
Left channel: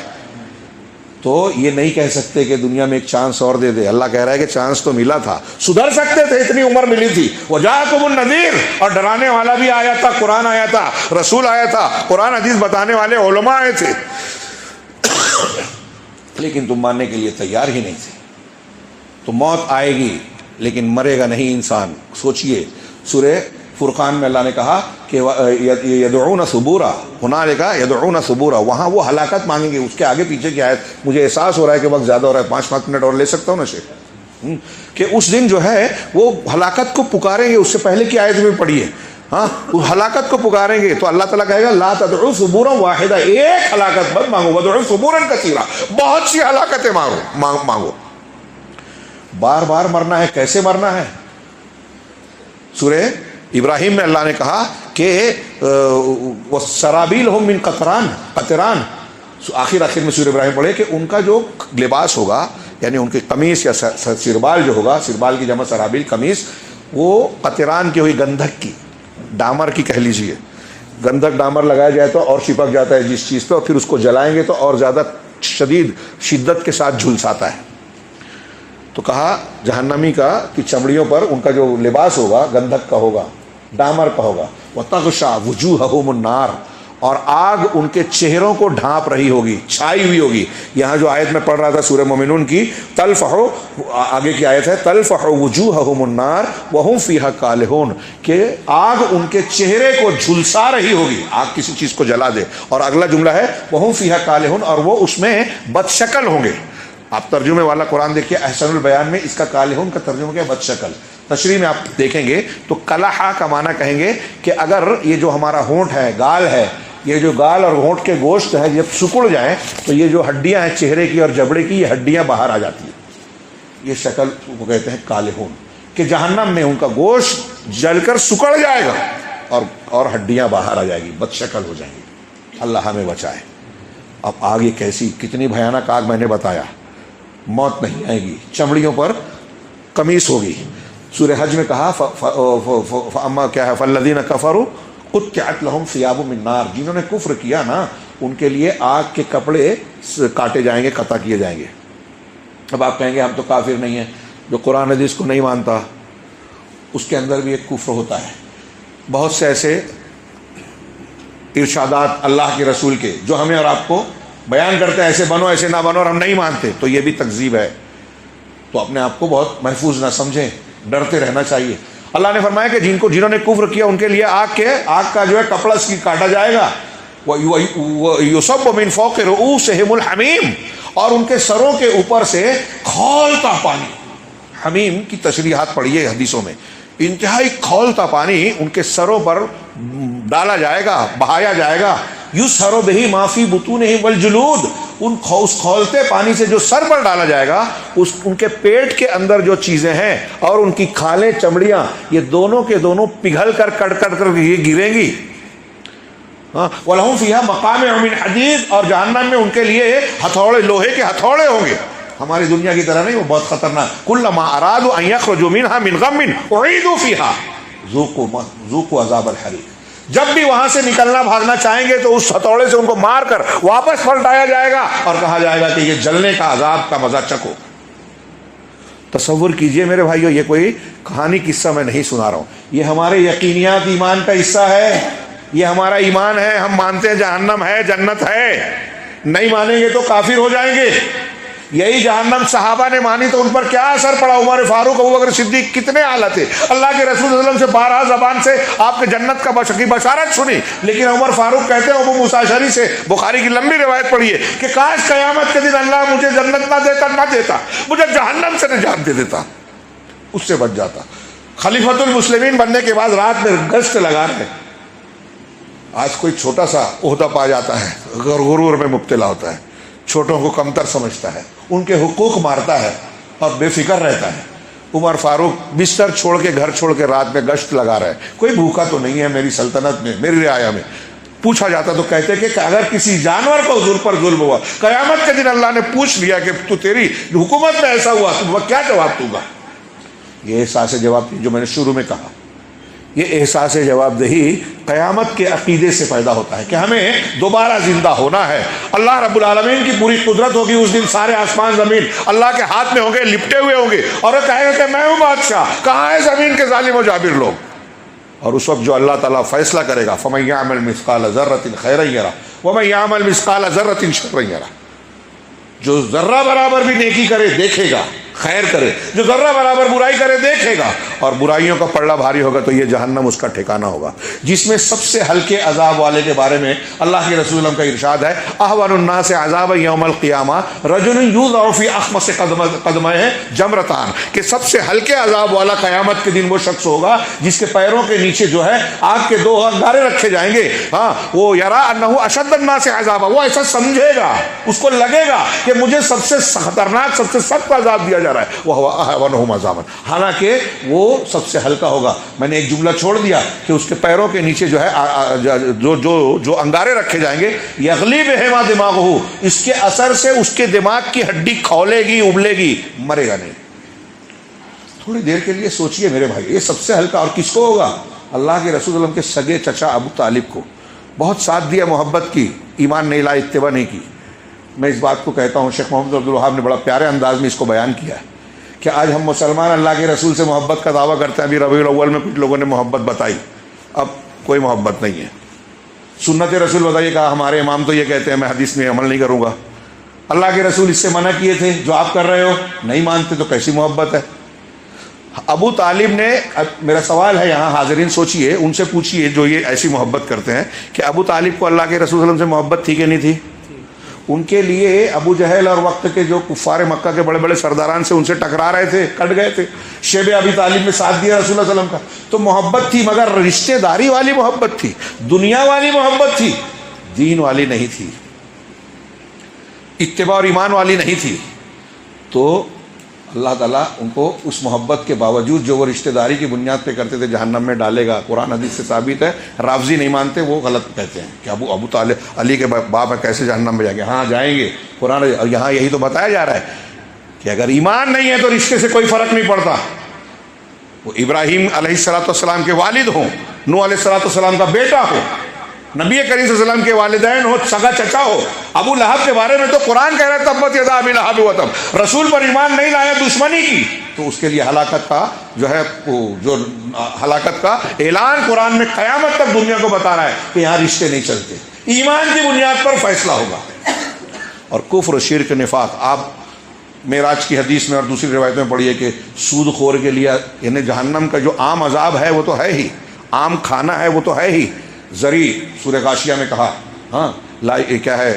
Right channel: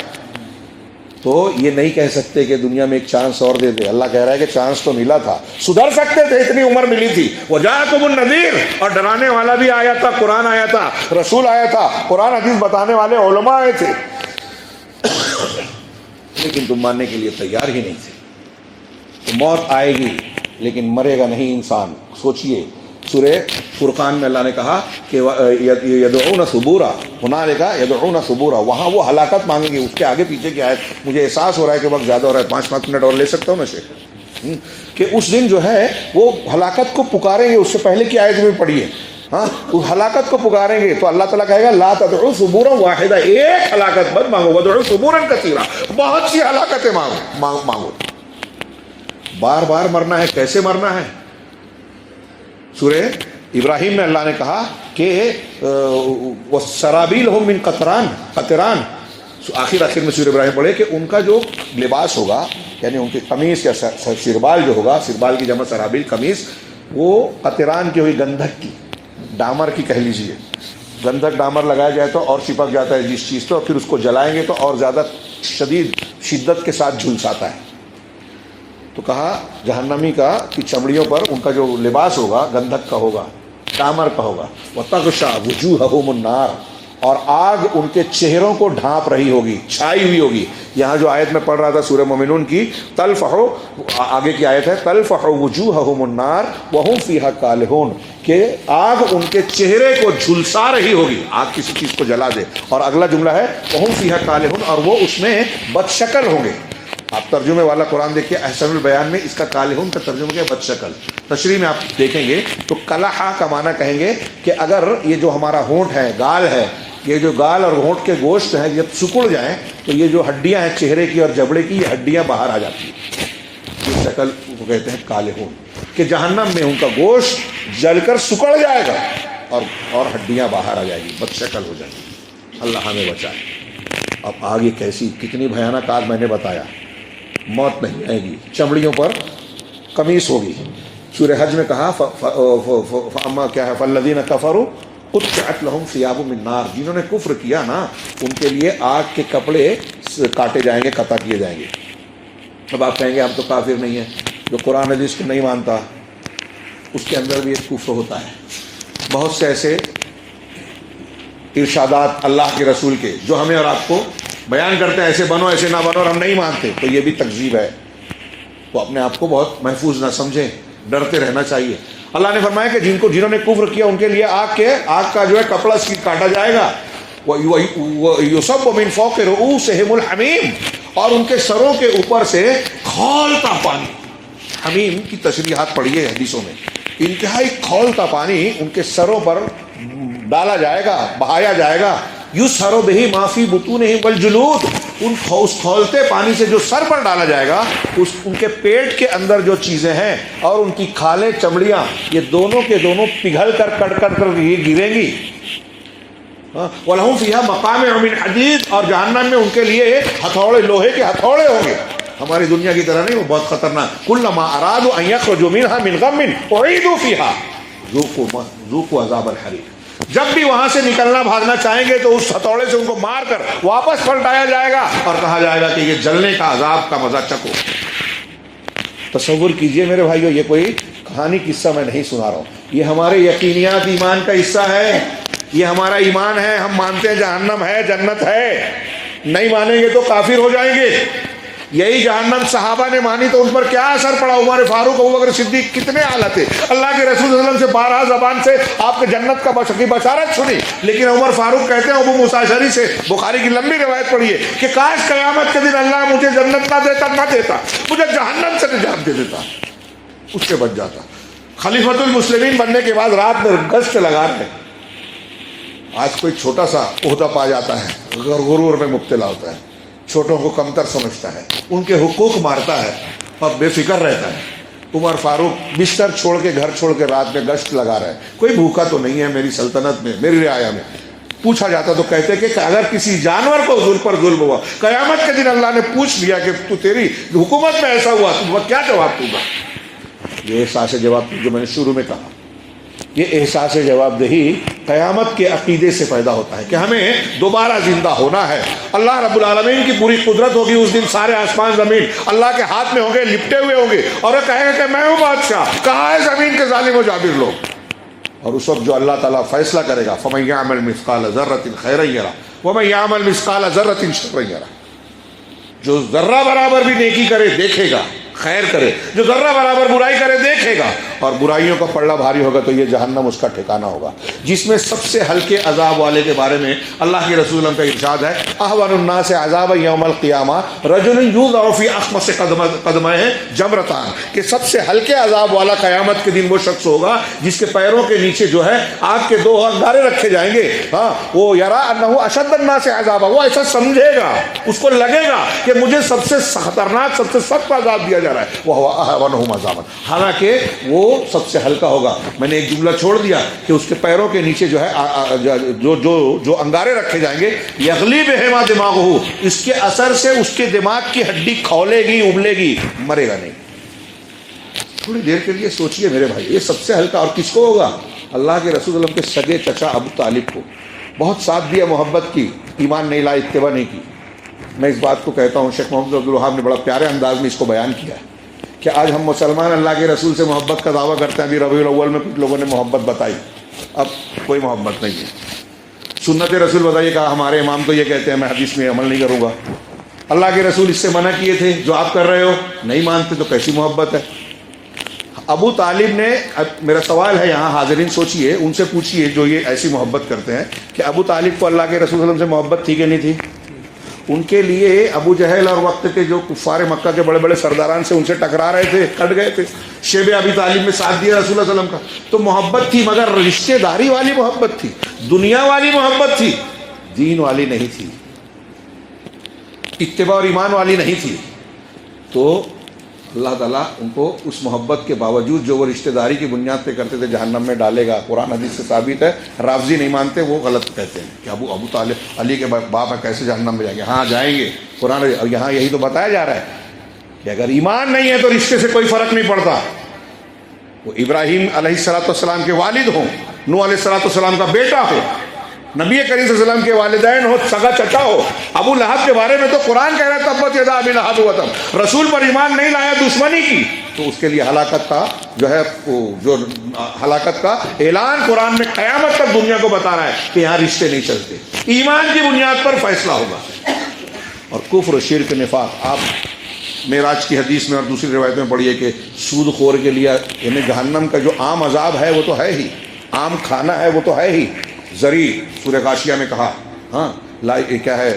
تو یہ نہیں کہہ سکتے کہ دنیا میں ایک چانس اور دے دے۔ اللہ کہہ رہا ہے کہ چانس تو ملا تھا، سدھر سکتے تھے، اتنی عمر ملی تھی۔ وجاءکم النذیر، اور ڈرانے والا بھی آیا تھا، قرآن آیا تھا، رسول آیا تھا، قرآن حدیث بتانے والے علماء آئے تھے، لیکن تم ماننے کے لیے تیار ہی نہیں تھے۔ تو موت آئے گی لیکن مرے گا نہیں انسان۔ سوچئے سورہ فرقان میں اللہ نے کہا کہ یدعون ثبورا، ہنالک یدعون ثبورا، وہاں وہ ہلاکت مانگیں گے۔ اس کے آگے پیچھے کی آیت، مجھے احساس ہو رہا ہے کہ وقت زیادہ ہو رہا ہے، 5 منٹ اور لے سکتا ہوں میں سے، کہ اس دن جو ہے وہ ہلاکت کو پکاریں گے۔ اس سے پہلے کی آیت میں پڑھیے، ہاں اس ہلاکت کو پکاریں گے تو اللہ تعالیٰ کہے گا لا تدعوا ثبورا واحدہ، ایک ہلاکت مت مانگو، ودعوا ثبورا کثیرا، بہت سی ہلاکتیں مانگو۔ بار بار مرنا ہے، کیسے مرنا ہے؟ سورہ ابراہیم میں اللہ نے کہا کہ وَسَرَابِيلُهُم مِّن قَطِرَانٍ، آخر میں سورہ ابراہیم پڑھے کہ ان کا جو لباس ہوگا، یعنی ان کی قمیص یا سربال جو ہوگا، سربال کی جمع سرابیل قمیص، وہ قطران کی ہوئی، گندھک کی، ڈامر کی کہہ لیجیے۔ گندھک ڈامر لگایا جائے تو اور چپک جاتا ہے جس چیز پہ، اور پھر اس کو جلائیں گے تو اور زیادہ شدت کے ساتھ جھلساتا ہے۔ تو کہا جہنمی کا کہ چمڑیوں پر ان کا جو لباس ہوگا گندھک کا ہوگا، ڈامر کا ہوگا، وَتَغْشَى وُجُوهَهُمُ النَّارُ، اور آگ ان کے چہروں کو ڈھانپ رہی ہوگی، چھائی ہوئی ہوگی۔ یہاں جو آیت میں پڑھ رہا تھا سورہ مومنون کی، تَلْفَحُ، آگے کی آیت ہے تَلْفَحُ وُجُوهَهُمُ النَّارُ وَهُمْ فِيهَا كَالِحُونَ، کہ آگ ان کے چہرے کو جھلسا رہی ہوگی، آگ کسی چیز کو جلا دے۔ اور اگلا جملہ ہے وَهُمْ فِيهَا كَالِحُونَ، اور وہ اس میں بدشکل ہوں گے۔ آپ ترجمے والا قرآن دیکھیے، احسن البیان میں اس کا کالحون کا ترجمہ کیا، بد شکل۔ تشریح میں آپ دیکھیں گے تو کلحا کا معنی کہیں گے کہ اگر یہ جو ہمارا ہونٹ ہے، گال ہے، یہ جو گال اور ہونٹ کے گوشت ہے جب سکڑ جائیں تو یہ جو ہڈیاں ہیں چہرے کی اور جبڑے کی، یہ ہڈیاں باہر آ جاتی ہیں، یہ شکل کو کہتے ہیں کالحون، کہ جہنم میں ان کا گوشت جل کر سکڑ جائے گا اور ہڈیاں باہر آ جائیں گی، بد شکل ہو جائیں گی۔ اللہ ہمیں بچائے۔ اب آگ یہ کیسی، کتنی بھیانک آگ میں نے بتایا۔ موت نہیں آئے گی، چمڑیوں پر قمیص ہوگی۔ سورہ حج میں کہا فَأَمَّا کیا ہے فَالَّذِينَ كَفَرُوا قُطِّعَتْ لَهُمْ ثِيَابٌ مِّن نَّارٍ، جنہوں نے کفر کیا نا ان کے لیے آگ کے کپڑے کاٹے جائیں گے، قطع کیے جائیں گے۔ اب آپ کہیں گے ہم تو کافر نہیں ہیں، جو قرآن حدیث کو نہیں مانتا اس کے اندر بھی ایک کفر ہوتا ہے۔ بہت سے ایسے ارشادات اللہ کے رسول کے جو ہمیں اور آپ کو بیان کرتے ہیں، ایسے بنو ایسے نہ بنو، اور ہم نہیں مانتے، تو یہ بھی تکذیب ہے۔ تو اپنے آپ کو بہت محفوظ نہ سمجھیں، ڈرتے رہنا چاہیے۔ اللہ نے فرمایا کہ جنہوں نے کفر کیا ان کے لیے آگ کا جو ہے کپڑا کاٹا جائے گا، وَيُصَبُّ مِن فَوْقِ رُؤُوسِهِمُ الْحَمِيمُ، اور ان کے سروں کے اوپر سے کھولتا پانی۔ حمیم کی تشریحات پڑھیے حدیثوں میں، انتہائی کھولتا پانی ان کے سروں پر ڈالا جائے گا، بہایا جائے گا۔ یُسْحَرُ بِهِ مَا فِي بُطُونِهِمْ وَالْجُلُودُ، اس کھولتے پانی سے جو سر پر ڈالا جائے گا، ان کے پیٹ کے اندر جو چیزیں ہیں اور ان کی کھالیں، چمڑیاں، یہ دونوں کے دونوں پگھل کر کٹ کر یہ گریں گی۔ وَلَهُمْ فِيهَا مَقَامِعُ مِنْ حَدِيدٍ، اور جہنم میں ان کے لیے ہتھوڑے، لوہے کے ہتھوڑے ہوں گے۔ ہماری دنیا کی طرح نہیں، وہ بہت خطرناک۔ كُلَّمَا أَرَادُوا أَن يَخْرُجُوا مِنْهَا مِنْ غَمٍّ أُعِيدُوا فِيهَا ذُوقُوا عَذَابَ الْحَرِيقِ، جب بھی وہاں سے نکلنا بھاگنا چاہیں گے تو اس ہتھوڑے سے ان کو مار کر واپس پلٹایا جائے گا اور کہا جائے گا کہ یہ جلنے کا عذاب کا مزہ چکھو۔ تصور کیجئے میرے بھائیو، یہ کوئی کہانی قصہ میں نہیں سنا رہا ہوں، یہ ہمارے یقینیات ایمان کا حصہ ہے، یہ ہمارا ایمان ہے۔ ہم مانتے ہیں جہنم ہے، جنت ہے، نہیں مانیں گے تو کافر ہو جائیں گے۔ یہی جہنم صحابہ نے مانی تو ان پر کیا اثر پڑا. عمر فاروق، ابوبکر صدیق کتنے اعلیٰ تھے. اللہ کے رسول صلی اللہ علیہ وسلم سے 12 زبان سے آپ کے جنت کا بشارت سنی، لیکن عمر فاروق کہتے ہیں ابو موسیٰ اشعری سے، بخاری کی لمبی روایت پڑھی ہے کہ کاش قیامت کے دن اللہ مجھے جنت نہ دیتا، مجھے جہنم سے نجات دے دیتا، اس سے بچ جاتا. خلیفۃ المسلمین بننے کے بعد رات میں گشت لگا رہے. آج کوئی چھوٹا سا عہدہ پا جاتا ہے، غرور میں مبتلا ہوتا ہے، چھوٹوں کو کمتر سمجھتا ہے، ان کے حقوق مارتا ہے اور بے فکر رہتا ہے. عمر فاروق بستر چھوڑ کے، گھر چھوڑ کے رات میں گشت لگا رہا ہے. کوئی بھوکا تو نہیں ہے میری سلطنت میں، میری رعایا میں. پوچھا جاتا تو کہتے کہ اگر کسی جانور کو ظلم پر ظلم ہوا، قیامت کے دن اللہ نے پوچھ لیا کہ تو تیری حکومت میں ایسا ہوا تو کیا جواب دوں گا. یہ احساس جواب جو میں نے شروع میں کہا، یہ احساس جواب دہی قیامت کے عقیدے سے پیدا ہوتا ہے کہ ہمیں دوبارہ زندہ ہونا ہے. اللہ رب العالمین کی پوری قدرت ہوگی. اس دن سارے آسمان زمین اللہ کے ہاتھ میں ہوں گے، لپٹے ہوئے ہوں گے، اور وہ کہے گا کہ میں ہوں بادشاہ، کہاں ہے زمین کے ظالم و جابر لوگ. اور اس وقت جو اللہ تعالیٰ فیصلہ کرے گا، فَمَن يَعْمَلْ مِثْقَالَ ذَرَّةٍ خَيْرًا يَرَهُ وَمَن يَعْمَلْ مِثْقَالَ ذَرَّةٍ شَرًّا يَرَهُ. جو ذرہ برابر بھی نیکی کرے دیکھے گا، خیر کرے، جو ذرہ برابر برائی کرے دیکھے گا، اور برائیوں کا پلڑا بھاری ہوگا تو یہ جہنم اس کا ٹھکانہ ہوگا. جس میں سب سے ہلکے عذاب والے کے بارے میں اللہ کے رسول کا ارشاد ہے، احون الناس عذابا یوم القیامہ رجل یوضع فی اخمص قدمہ جمرتان، کہ سب سے ہلکے عذاب والا قیامت کے دن وہ شخص ہوگا جس کے پیروں کے نیچے جو ہے آگ کے 2 انگارے رکھے جائیں گے. ہاں، وہ یرا انہ اشد الناس عذابا، وہ ایسا سمجھے گا، اس کو لگے گا کہ مجھے سب سے خطرناک، سب سے سخت عذاب دیا جا رہا ہے، وہ احونہم عذابا، حالانکہ وہ سب سے ہلکا ہوگا. میں نے ایک جملہ چھوڑ دیا کہ اس کے پیروں کے نیچے جو ہے جو انگارے رکھے جائیں گے، یغلی بہما دماغہ، اس کے اثر سے اس کے دماغ کی ہڈی کھولے گی، ابلے گی، مرے گا نہیں. تھوڑی دیر کے لیے سوچئے میرے بھائی، یہ سب سے ہلکا اور کس کو ہوگا؟ اللہ کے رسول اللہ کے سگے چچا ابو طالب کو. بہت ساتھ دیا محبت کی، ایمان نہیں لایا، اتباع نہیں کی. میں اس بات کو کہتا ہوں، شیخ محمد عبد الوہاب نے بڑا پیارے انداز میں اس کو بیان کیا ہے کہ آج ہم مسلمان اللہ کے رسول سے محبت کا دعویٰ کرتے ہیں. ابھی ربیع الاول میں کچھ لوگوں نے محبت بتائی، اب کوئی محبت نہیں ہے. سنت رسول بتائیے، کہا ہمارے امام تو یہ کہتے ہیں، میں حدیث میں عمل نہیں کروں گا. اللہ کے رسول اس سے منع کیے تھے، جو آپ کر رہے ہو نہیں مانتے تو کیسی محبت ہے؟ ابو طالب نے، اب میرا سوال ہے یہاں حاضرین سوچئے، ان سے پوچھئے جو یہ ایسی محبت کرتے ہیں کہ ابو طالب کو اللہ کے رسول صلی اللہ علیہ وسلم سے محبت تھی کہ نہیں تھی؟ ان کے لیے ابو جہل اور وقت کے جو کفار مکہ کے بڑے بڑے سرداران سے ان سے ٹکرا رہے تھے، کٹ گئے تھے. شیب ابی طالب میں ساتھ دیا رسول اللہ صلی اللہ علیہ وسلم کا، تو محبت تھی، مگر رشتہ داری والی محبت تھی، دنیا والی محبت تھی، دین والی نہیں تھی، اتباع اور ایمان والی نہیں تھی. تو اللہ تعالیٰ ان کو اس محبت کے باوجود جو وہ رشتہ داری کی بنیاد پہ کرتے تھے جہنم میں ڈالے گا. قرآن حدیث سے ثابت ہے. رافضی نہیں مانتے، وہ غلط کہتے ہیں کہ ابو طالب علی کے باپ ہے، کیسے جہنم میں جائیں گے؟ ہاں جائیں گے. قرآن یہاں یہی تو بتایا جا رہا ہے کہ اگر ایمان نہیں ہے تو رشتے سے کوئی فرق نہیں پڑتا. وہ ابراہیم علیہ السلام کے والد ہوں، نوح علیہ السلام کا بیٹا ہو، نبی کریم صلی اللہ علیہ وسلم کے والدین ہو، سگا چچا ہو. ابو لہب کے بارے میں تو قرآن کہہ رہا ہے تبت یدا ابی لہب وتب، رسول پر ایمان نہیں لایا، دشمنی کی، تو اس کے لیے ہلاکت کا جو ہے جو ہلاکت کا اعلان قرآن میں قیامت تک دنیا کو بتا رہا ہے کہ یہاں رشتے نہیں چلتے، ایمان کی بنیاد پر فیصلہ ہوگا. اور کفر و شرک نفاق، آپ معراج کی حدیث میں اور دوسری روایت میں پڑھیے کہ سود خور کے لیے یعنی جہنم کا جو عام عذاب ہے وہ تو ہے ہی، عام کھانا ہے وہ تو ہے ہی. زری سورہ غاشیہ میں کہا، ہاں کیا ہے،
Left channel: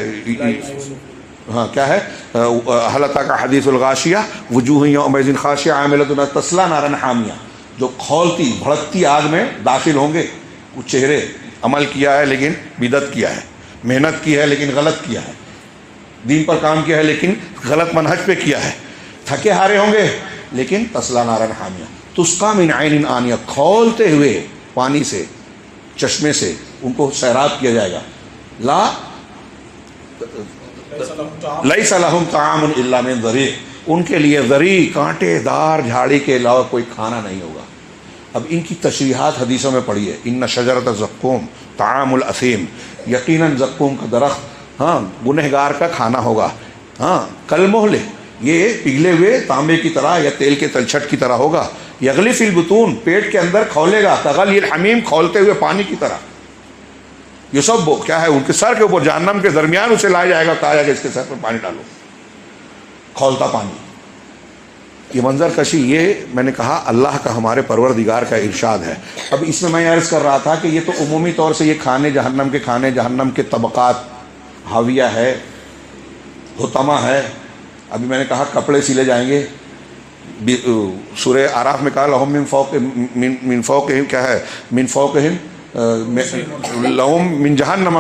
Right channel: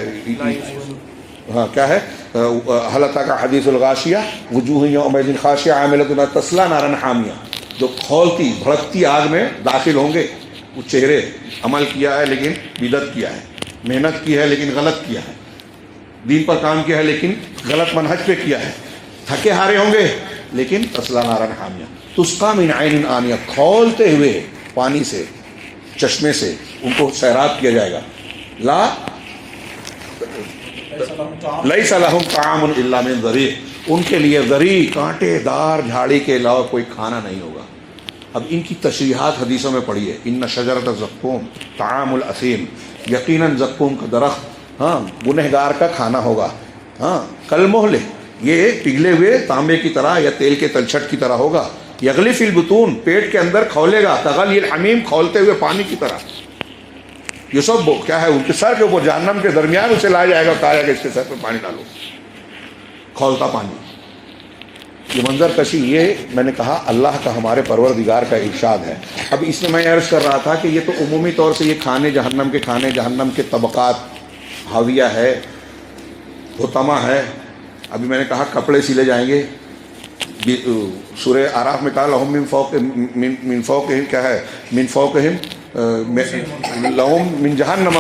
ہاں کیا ہے، هل اتاک حدیث الغاشیہ وجوہ یومئذ خاشعہ عاملۃ تصلیٰ نارا حامیہ، جو کھولتی بھڑکتی آگ میں داخل ہوں گے وہ چہرے، عمل کیا ہے لیکن بدعت کیا ہے، محنت کی ہے لیکن غلط کیا ہے، دین پر کام کیا ہے لیکن غلط منہج پہ کیا ہے، تھکے ہارے ہوں گے لیکن تصلیٰ نارا حامیہ، تسقیٰ من عین آنیہ، کھولتے ہوئے پانی سے، چشمے سے ان کو سیراب کیا جائے گا. لیس لہم طعام الا من ضریع، ان کے لیے ضریع کانٹے دار جھاڑی کے علاوہ کوئی کھانا نہیں ہوگا. اب ان کی تشریحات حدیثوں میں پڑھی ہے. ان شجرۃ الزقوم طعام الاثیم، یقیناً زقوم کا درخت ہاں گنہگار کا کھانا ہوگا. ہاں کالمہل، یہ پگھلے ہوئے تانبے کی طرح یا تیل کے تلچھٹ کی طرح ہوگا. یغلی فی البطون، پیٹ کے اندر کھولے گا. تغلی الحمیم، کھولتے ہوئے پانی کی طرح. یہ سب کیا ہے؟ ان کے سر کے اوپر جہنم کے درمیان اسے لایا جائے گا، کہا جائے گا اس کے سر پہ پانی ڈالو. کھولتا پانی. یہ منظر کشی، یہ میں نے کہا اللہ کا، ہمارے پروردگار کا ارشاد ہے. اب اس میں عرض کر رہا تھا کہ یہ تو عمومی طور سے یہ کھانے، جہنم کے طبقات، حاویہ ہے، حطمہ ہے. ابھی میں نے کہا کپڑے سلے جائیں گے. سورہ اعراف میں کہا لہم من فوقہم کیا ہے، من فوقہم لہم من جہنم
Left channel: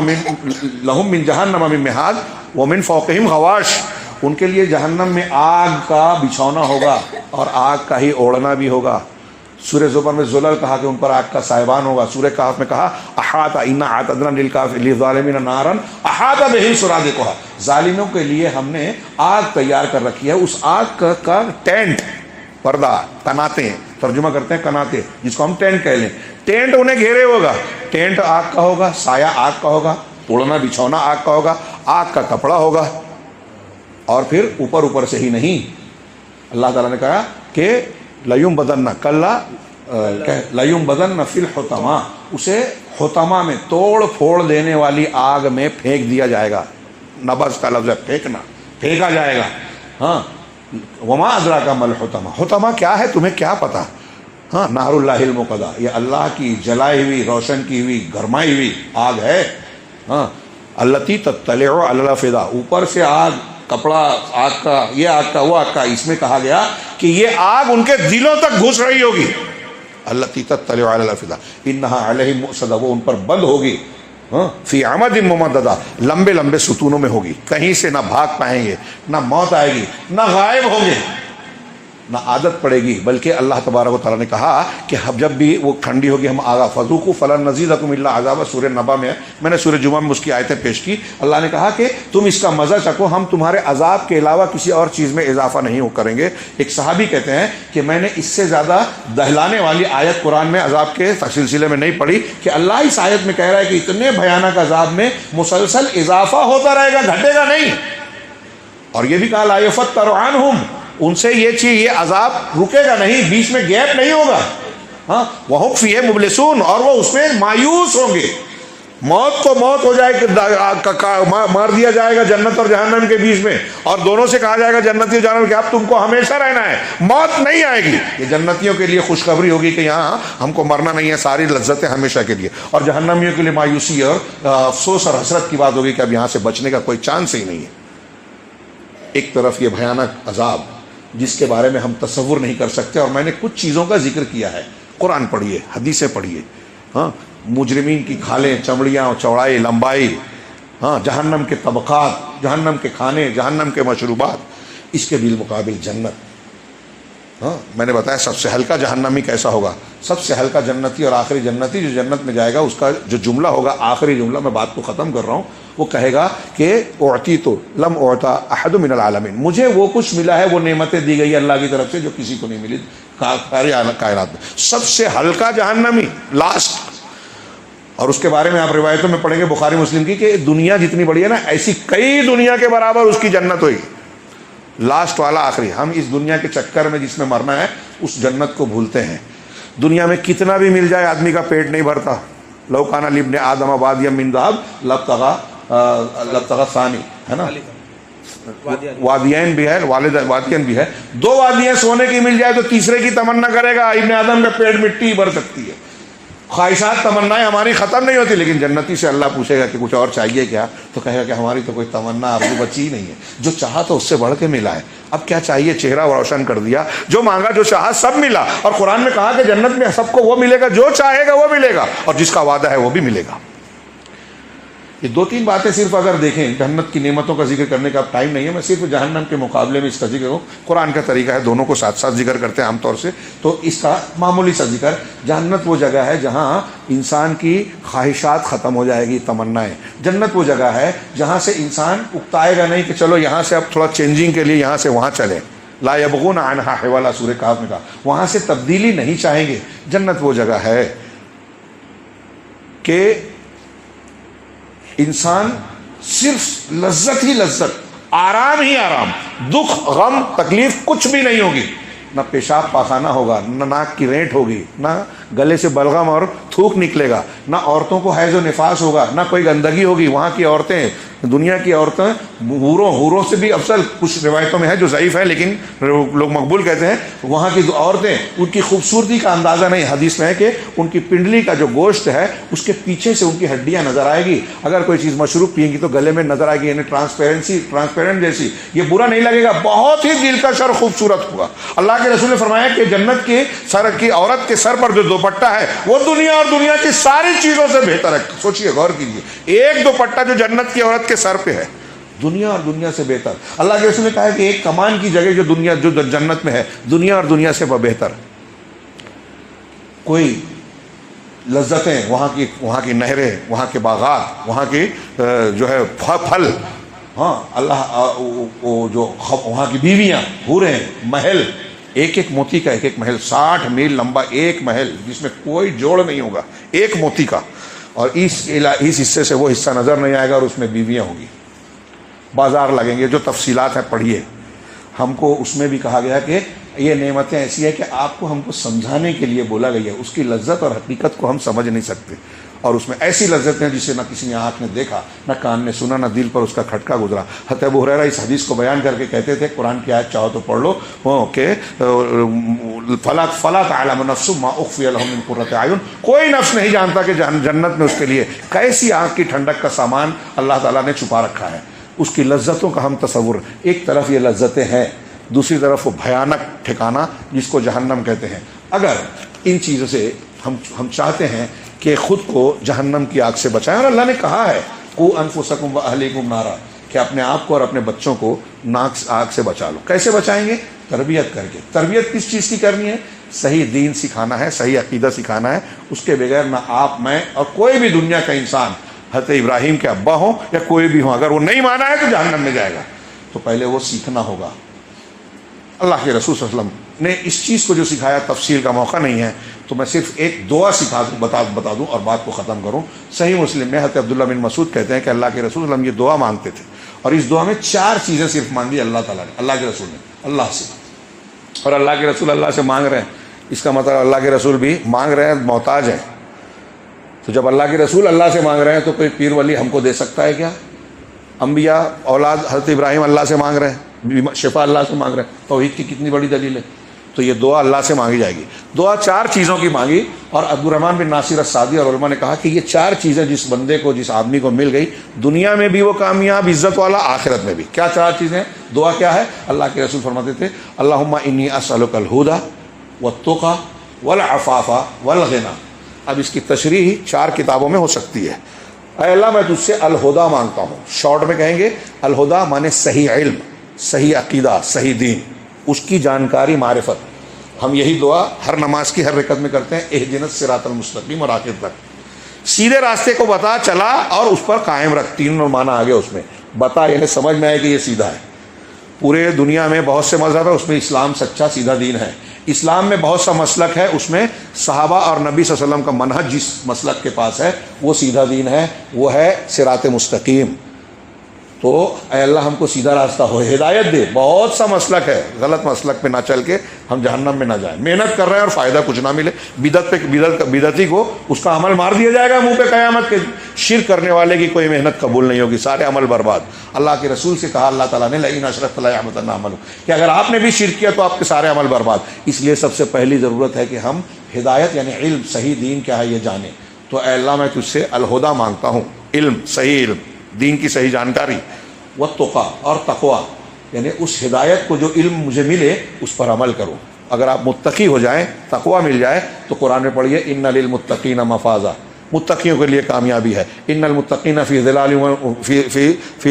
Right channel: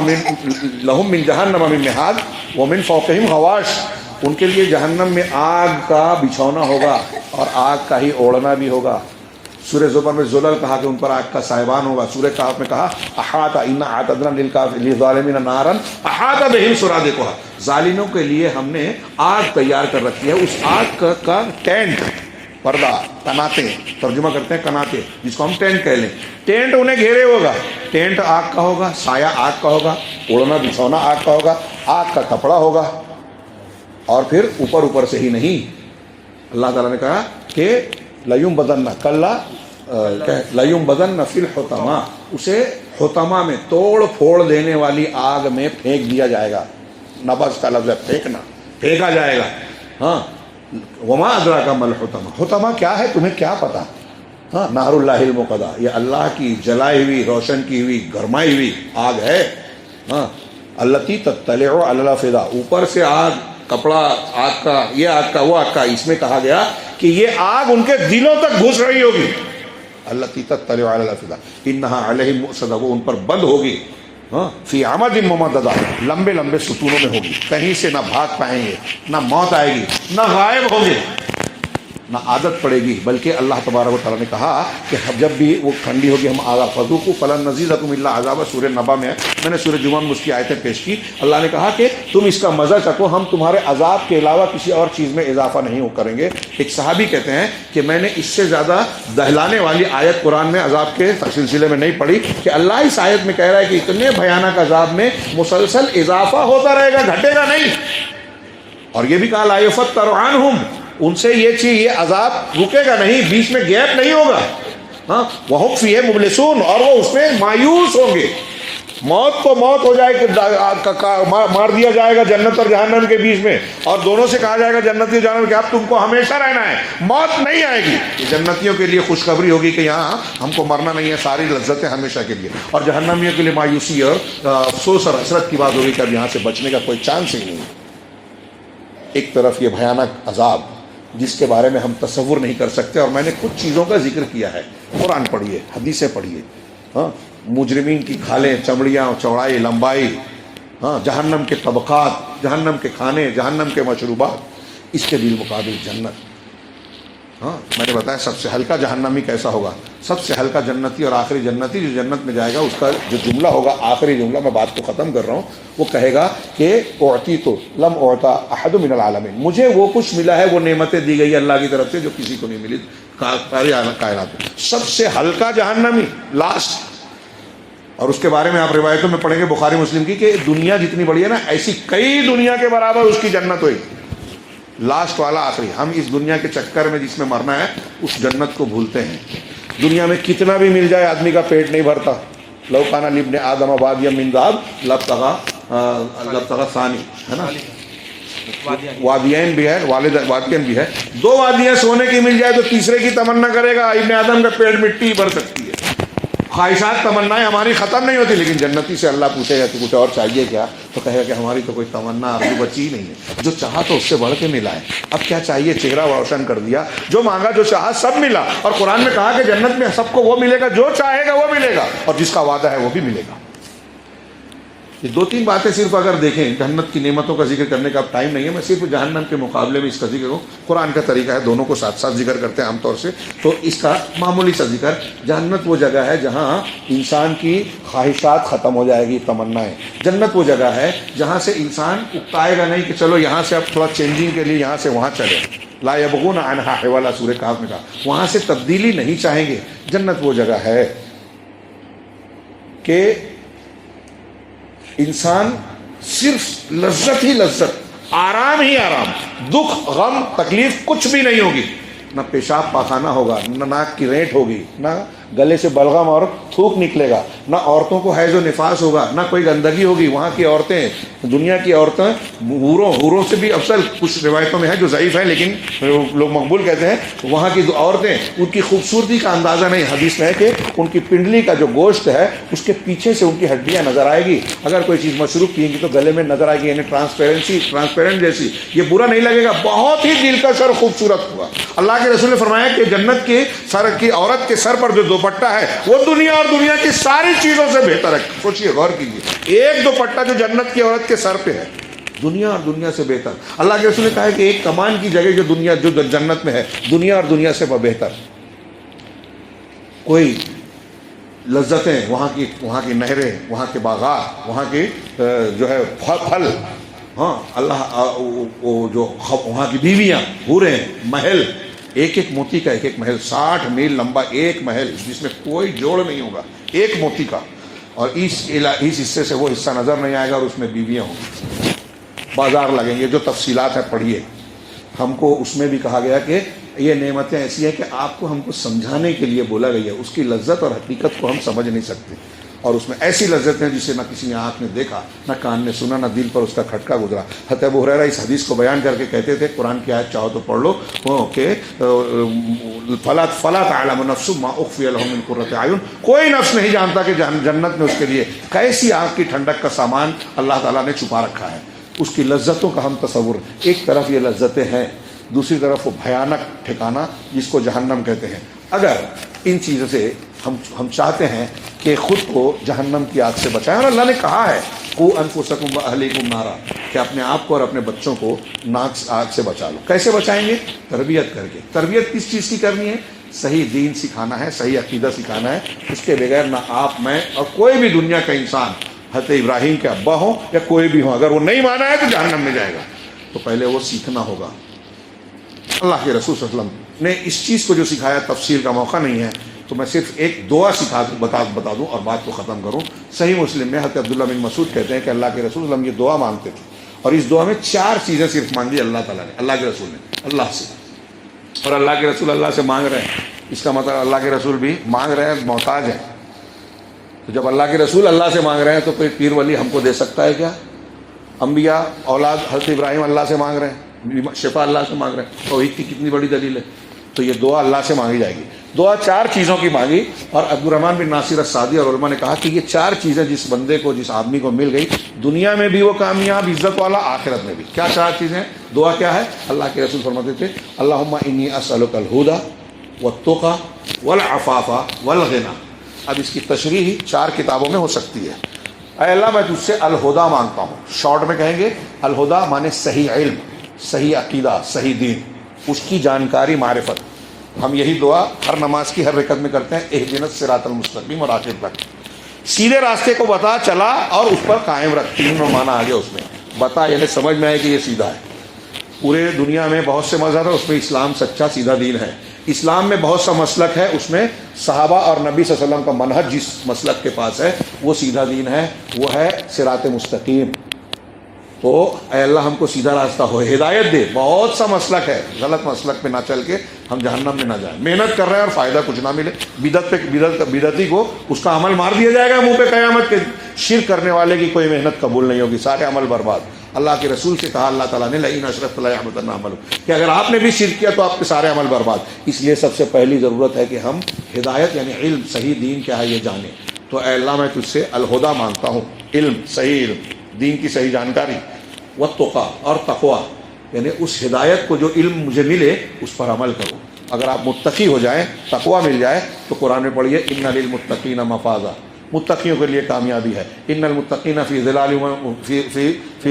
من مہاد ومن فوقہم غواش. ان کے لیے جہنم میں آگ کا بچھونا ہوگا اور آگ کا ہی اوڑھنا بھی ہوگا. سورہ زمر میں ذلل کہا کہ ان پر آگ کا سائبان ہوگا. سورہ کہف میں کہا احاط انا اعتدنا للظالمین نارا احاط بہم سرادقها. ظالموں کے لیے ہم نے آگ تیار کر رکھی ہے. اس آگ کا ٹینٹ، پردہ، کناتے، ترجمہ کرتے ہیں کناتے، جس کو ہم ٹینٹ کہہ لیں. ٹینٹ انہیں گھیرے ہوگا. ٹینٹ آگ کا ہوگا، سایہ آگ کا ہوگا، اوڑھنا بچھونا آگ کا ہوگا، آگ کا کپڑا ہوگا. اور پھر اوپر سے ہی نہیں، اللہ تعالیٰ نے کہا کہ لَيُنبَذَنَّ كَلَّا لَيُنبَذَنَّ فِي الْحُطَمَةِ. اسے حطمہ میں، توڑ پھوڑ دینے والی آگ میں پھینک دیا جائے گا. نبض کا لفظ ہے پھینکنا، پھینکا جائے گا. ہاں، وما ادراک ما الحطمہ. حطمہ کیا ہے تمہیں کیا پتا؟ ہاں، نار اللہ الموقدہ، یہ اللہ کی جلائی ہوئی، روشن کی ہوئی، گرمائی ہوئی آگ ہے. ہاں، التی تطلع علی الافئدہ. اوپر سے آگ، کپڑا آگ کا، یہ آگ کا، وہ آگ کا. اس میں کہا گیا کہ یہ آگ ان کے دلوں تک گھس رہی ہوگی. التی تطلع علی الافئدہ انہا علیہم مؤصدہ. وہ ان پر بند ہوگی. فی عمد ممددہ، لمبے لمبے ستونوں میں ہوگی. کہیں سے نہ بھاگ پائیں گے، نہ موت آئے گی، نہ غائب ہوں گے، نہ عادت پڑے گی. بلکہ اللہ تبارک و تعالیٰ نے کہا کہ جب بھی وہ ٹھنڈی ہوگی ہم آگا فذوقوا فلن نزیدکم الا عذابا. سورہ نبا میں نے سورہ جمعہ میں اس کی آیتیں پیش کی. اللہ نے کہا کہ تم اس کا مزہ چکھو، ہم تمہارے عذاب کے علاوہ کسی اور چیز میں اضافہ نہیں کریں گے. ایک صحابی کہتے ہیں کہ میں نے اس سے زیادہ دہلانے والی آیت قرآن میں عذاب کے سلسلے میں نہیں پڑھی کہ اللہ اس آیت میں کہہ رہا ہے کہ اتنے بھیانک عذاب میں مسلسل اضافہ ہوتا رہے گا، گھٹے گا نہیں. اور یہ بھی کہا لا یفتر عنہم، ان سے یہ چیز، یہ عذاب رکے گا نہیں، بیچ میں گیپ نہیں ہوگا. ہاں، وَهُمْ فِيهِ مُبْلِسُونَ، اور وہ اس میں مایوس ہوں گے. موت تو موت ہو جائے کہ مار دیا جائے گا جنت اور جہنم کے بیچ میں، اور دونوں سے کہا جائے گا جنتی اور جہنم کہ اب تم کو ہمیشہ رہنا ہے، موت نہیں آئے گی. یہ جنتیوں کے لیے خوشخبری ہوگی کہ یہاں ہم کو مرنا نہیں ہے، ساری لذتیں ہمیشہ کے لیے. اور جہنمیوں کے لیے مایوسی اور افسوس اور حسرت کی بات ہوگی کہ اب یہاں سے بچنے کا کوئی چانس ہی نہیں. ایک طرف یہ بھیانک عذاب جس کے بارے میں ہم تصور نہیں کر سکتے. اور میں نے کچھ چیزوں کا ذکر کیا ہے. قرآن پڑھیے، حدیثیں پڑھیے. ہاں، مجرمین کی کھالیں، چمڑیاں، چوڑائی، لمبائی. ہاں، جہنم کے طبقات، جہنم کے کھانے، جہنم کے مشروبات. اس کے بالمقابل جنت. ہاں، میں نے بتایا سب سے ہلکا جہنمی کیسا ہوگا. سب سے ہلکا جنتی اور آخری جنتی جو جنت میں جائے گا، اس کا جو جملہ ہوگا، آخری جملہ، میں بات کو ختم کر رہا ہوں، وہ کہے گا کہ اعطیت لم اعطى احد من العالمین. مجھے وہ کچھ ملا ہے، وہ نعمتیں دی گئی اللہ کی طرف سے جو کسی کو نہیں ملی ساری کائنات میں. سب سے ہلکا جہنمی، لاسٹ. اور اس کے بارے میں آپ روایتوں میں پڑھیں گے بخاری مسلم کی کہ دنیا جتنی بڑی ہے نا، ایسی کئی دنیا کے برابر اس کی جنت ہوئی. لاسٹ والا آخری. ہم اس دنیا کے چکر میں جس میں مرنا ہے، اس جنت کو بھولتے ہیں. دنیا میں کتنا بھی مل جائے آدمی کا پیٹ نہیں بھرتا. لو کان لابن آدم وادیا من ذهب لابتغى ثانی، ہے نا، وادیین بھی ہے، وادیین بھی ہے. دو وادیاں سونے کی مل جائے تو تیسرے کی تمنا کرے گا. ابن آدم کا پیٹ مٹی بھر سکتی ہے. خواہشات، تمنائیں ہماری ختم نہیں ہوتی. لیکن جنتی سے اللہ پوچھے گا کہ کچھ اور چاہیے کیا، تو کہے گا کہ ہماری تو کوئی تمنا آرزو بچی ہی نہیں ہے. جو چاہا تو اس سے بڑھ کے ملا ہے، اب کیا چاہیے. چہرہ روشن کر دیا. جو مانگا، جو چاہا، سب ملا. اور قرآن میں کہا کہ جنت میں سب کو وہ ملے گا جو چاہے گا، وہ ملے گا، اور جس کا وعدہ ہے وہ بھی ملے گا. یہ دو تین باتیں صرف اگر دیکھیں، جنت کی نعمتوں کا ذکر کرنے کا اب ٹائم نہیں ہے. میں صرف جہنم کے مقابلے میں اس کا ذکر ہوں. قرآن کا طریقہ ہے، دونوں کو ساتھ ساتھ ذکر کرتے ہیں عام طور سے. تو اس کا معمولی سا ذکر. جنت وہ جگہ ہے جہاں انسان کی خواہشات ختم ہو جائے گی، تمنائیں. جنت وہ جگہ ہے جہاں سے انسان اکتائے گا نہیں کہ چلو یہاں سے اب تھوڑا چینجنگ کے لیے یہاں سے وہاں چلے. لا یبغون عنہا حولا، سورہ کہف میں کہا. وہاں سے تبدیلی نہیں چاہیں گے. جنت وہ جگہ ہے کہ انسان صرف لذت ہی لذت، آرام ہی آرام، دکھ، غم، تکلیف کچھ بھی نہیں ہوگی. نہ پیشاب پاخانہ ہوگا، نہ ناک کی رینٹ ہوگی، نہ گلے سے بلغم اور تھوک نکلے گا، نہ عورتوں کو حیض و نفاس ہوگا، نہ کوئی گندگی ہوگی. وہاں کی عورتیں، دنیا کی عورتیں حوروں سے بھی افضل. کچھ روایتوں میں ہے جو ضعیف ہے لیکن لوگ مقبول کہتے ہیں. وہاں کی عورتیں، ان کی خوبصورتی کا اندازہ نہیں. حدیث میں ہے کہ ان کی پنڈلی کا جو گوشت ہے اس کے پیچھے سے ان کی ہڈیاں نظر آئے گی. اگر کوئی چیز مشروب پئیں گی تو گلے میں نظر آئے گی، یعنی ٹرانسپیرنٹ جیسی. یہ برا نہیں لگے گا، بہت ہی دلکش اور خوبصورت ہوگا. اللہ کے رسول نے فرمایا کہ جنت کی سر کی عورت کے سر پر جو دوپٹہ ہے وہ دنیا اور دنیا کی ساری چیزوں سے بہتر ہے. سوچئے، غور کیجیے، ایک دوپٹہ جو جنت کی عورت کے سر پہ ہے، دنیا اور دنیا سے بہتر. اللہ کے رسول نے کہا ہے کہ ایک کمان کی جگہ جو جنت میں ہے دنیا اور دنیا سے بہتر. کوئی لذتیں، وہاں کی نہریں، وہاں کے باغات، وہاں کی جو ہے پھل، ہاں اللہ وہ جو وہاں کی بیویاں، حوریں، محل، ایک موتی کا ایک محل، 60 میل لمبا ایک محل جس میں کوئی جوڑ نہیں ہوگا، ایک موتی کا. اور اس حصے سے وہ حصہ نظر نہیں آئے گا اور اس میں بیویاں ہوں گی. بازار لگیں گے، جو تفصیلات ہیں پڑھیے. ہم کو اس میں بھی کہا گیا کہ یہ نعمتیں ایسی ہیں کہ آپ کو ہم کو سمجھانے کے لیے بولا گیا ہے. اس کی لذت اور حقیقت کو ہم سمجھ نہیں سکتے. اور اس میں ایسی لذت ہیں جسے نہ کسی نے آنکھ نے دیکھا، نہ کان نے سنا، نہ دل پر اس کا کھٹکا گزرا. حضرت ابو ہریرہ اس حدیث کو بیان کر کے کہتے تھے، قرآن کی آیت چاہو تو پڑھ لو کہ فلا تعلم نفس ما اخفی لهم من قرۃ اعین. کوئی نفس نہیں جانتا کہ جنت میں اس کے لیے کیسی آنکھ کی ٹھنڈک کا سامان اللہ تعالیٰ نے چھپا رکھا ہے. اس کی لذتوں کا ہم تصور، ایک طرف یہ لذتیں ہیں، دوسری طرف وہ بھیانک ٹھکانہ جس کو جہنم کہتے ہیں. اگر ان چیزوں سے ہم چاہتے ہیں کہ خود کو جہنم کی آگ سے بچائیں، اور اللہ نے کہا ہے قوا انفسکم واہلیکم نارا، کہ اپنے آپ کو اور اپنے بچوں کو آگ سے بچا لو. کیسے بچائیں گے؟ تربیت کر کے. تربیت کس چیز کی کرنی ہے؟ صحیح دین سکھانا ہے، صحیح عقیدہ سکھانا ہے. اس کے بغیر نہ آپ، میں اور کوئی بھی دنیا کا انسان، حضرت ابراہیم کے ابا ہوں یا کوئی بھی ہوں، اگر وہ نہیں مانا ہے تو جہنم میں جائے گا. تو پہلے وہ سیکھنا ہوگا. اللہ کے رسول صلی اللہ علیہ وسلم نے اس چیز کو جو سکھایا، تفسیر کا موقع نہیں ہے تو میں صرف ایک دعا بتا دوں اور بات کو ختم کروں. صحیح مسلم میں حضرت عبداللہ بن مسعود کہتے ہیں کہ اللہ کے رسول صلی اللہ علیہ وسلم یہ دعا مانگتے تھے، اور اس دعا میں 4 چیزیں صرف مانگی اللہ تعالیٰ نے، اللہ کے رسول نے اللہ سے. اور اللہ کے رسول اللہ سے مانگ رہے ہیں، اس کا مطلب اللہ کے رسول بھی مانگ رہے ہیں، محتاج ہیں. تو جب اللہ کے رسول اللہ سے مانگ رہے ہیں تو کوئی پیر ولی ہم کو دے سکتا ہے کیا؟ انبیاء اولاد حضرت ابراہیم اللہ سے مانگ رہے ہیں، شفا اللہ سے مانگ رہے ہیں. توحید کی کتنی بڑی دلیل ہے. تو یہ دعا اللہ سے مانگی جائے گی. دعا 4 چیزوں کی مانگی، اور عبدالرحمن بن ناصر السعدی اور علماء نے کہا کہ یہ 4 چیزیں جس بندے کو، جس آدمی کو مل گئی، دنیا میں بھی وہ کامیاب، عزت والا، آخرت میں بھی. کیا 4 چیزیں؟ دعا کیا ہے؟ اللہ کے رسول فرماتے تھے اللہم انی اسألک الہدی والتقی والعفاف والغنی. اب اس کی تشریح 4 کتابوں میں ہو سکتی ہے. اے اللہ میں تجھ سے الہدا مانگتا ہوں. شارٹ میں کہیں گے الہدا مانے صحیح علم، صحیح عقیدہ، صحیح دین، اس کی جانکاری، معرفت. ہم یہی دعا ہر نماز کی ہر رکعت میں کرتے ہیں، اہدنا الصراط المستقیم، اور آخر تک سیدھے راستے کو بتا، چلا اور اس پر قائم رکھ. 3 معنی آ گیا اس میں. بتا یعنی سمجھ میں آئے کہ یہ سیدھا ہے. پورے دنیا میں بہت سے مذہب ہیں، اس میں اسلام سچا سیدھا دین ہے. اسلام میں بہت سا مسلک ہے، اس میں صحابہ اور نبی صلی اللہ علیہ وسلم کا منہج جس مسلک کے پاس ہے وہ سیدھا دین ہے، وہ ہے صراط مستقیم. تو اے اللہ ہم کو سیدھا راستہ ہو، ہدایت دے. بہت سا مسلک ہے، غلط مسلک پہ نہ چل کے ہم جہنم میں نہ جائیں. محنت کر رہے ہیں اور فائدہ کچھ نہ ملے. بدعتی کو اس کا عمل مار دیا جائے گا منہ پہ قیامت کے. شرک کرنے والے کی کوئی محنت قبول نہیں ہوگی، سارے عمل برباد. اللہ کے رسول سے کہا اللہ تعالیٰ نے لئن اشرکت لیحبطن عملک، کہ اگر آپ نے بھی شرک کیا تو آپ کے سارے عمل برباد. اس لیے سب سے پہلی ضرورت ہے کہ ہم ہدایت یعنی علم، صحیح دین کیا ہے یہ جانیں. تو اے اللہ میں تجھ سے الہدا مانگتا ہوں، علم، صحیح علم، دین کی صحیح جانکاری، والتقی اور تقوی، یعنی اس ہدایت کو جو علم مجھے ملے اس پر عمل کروں. اگر آپ متقی ہو جائیں، تقوی مل جائے، تو قرآن میں پڑھیے ان للمتقین مفازا، متقیوں کے لیے کامیابی ہے. ان المتقین فی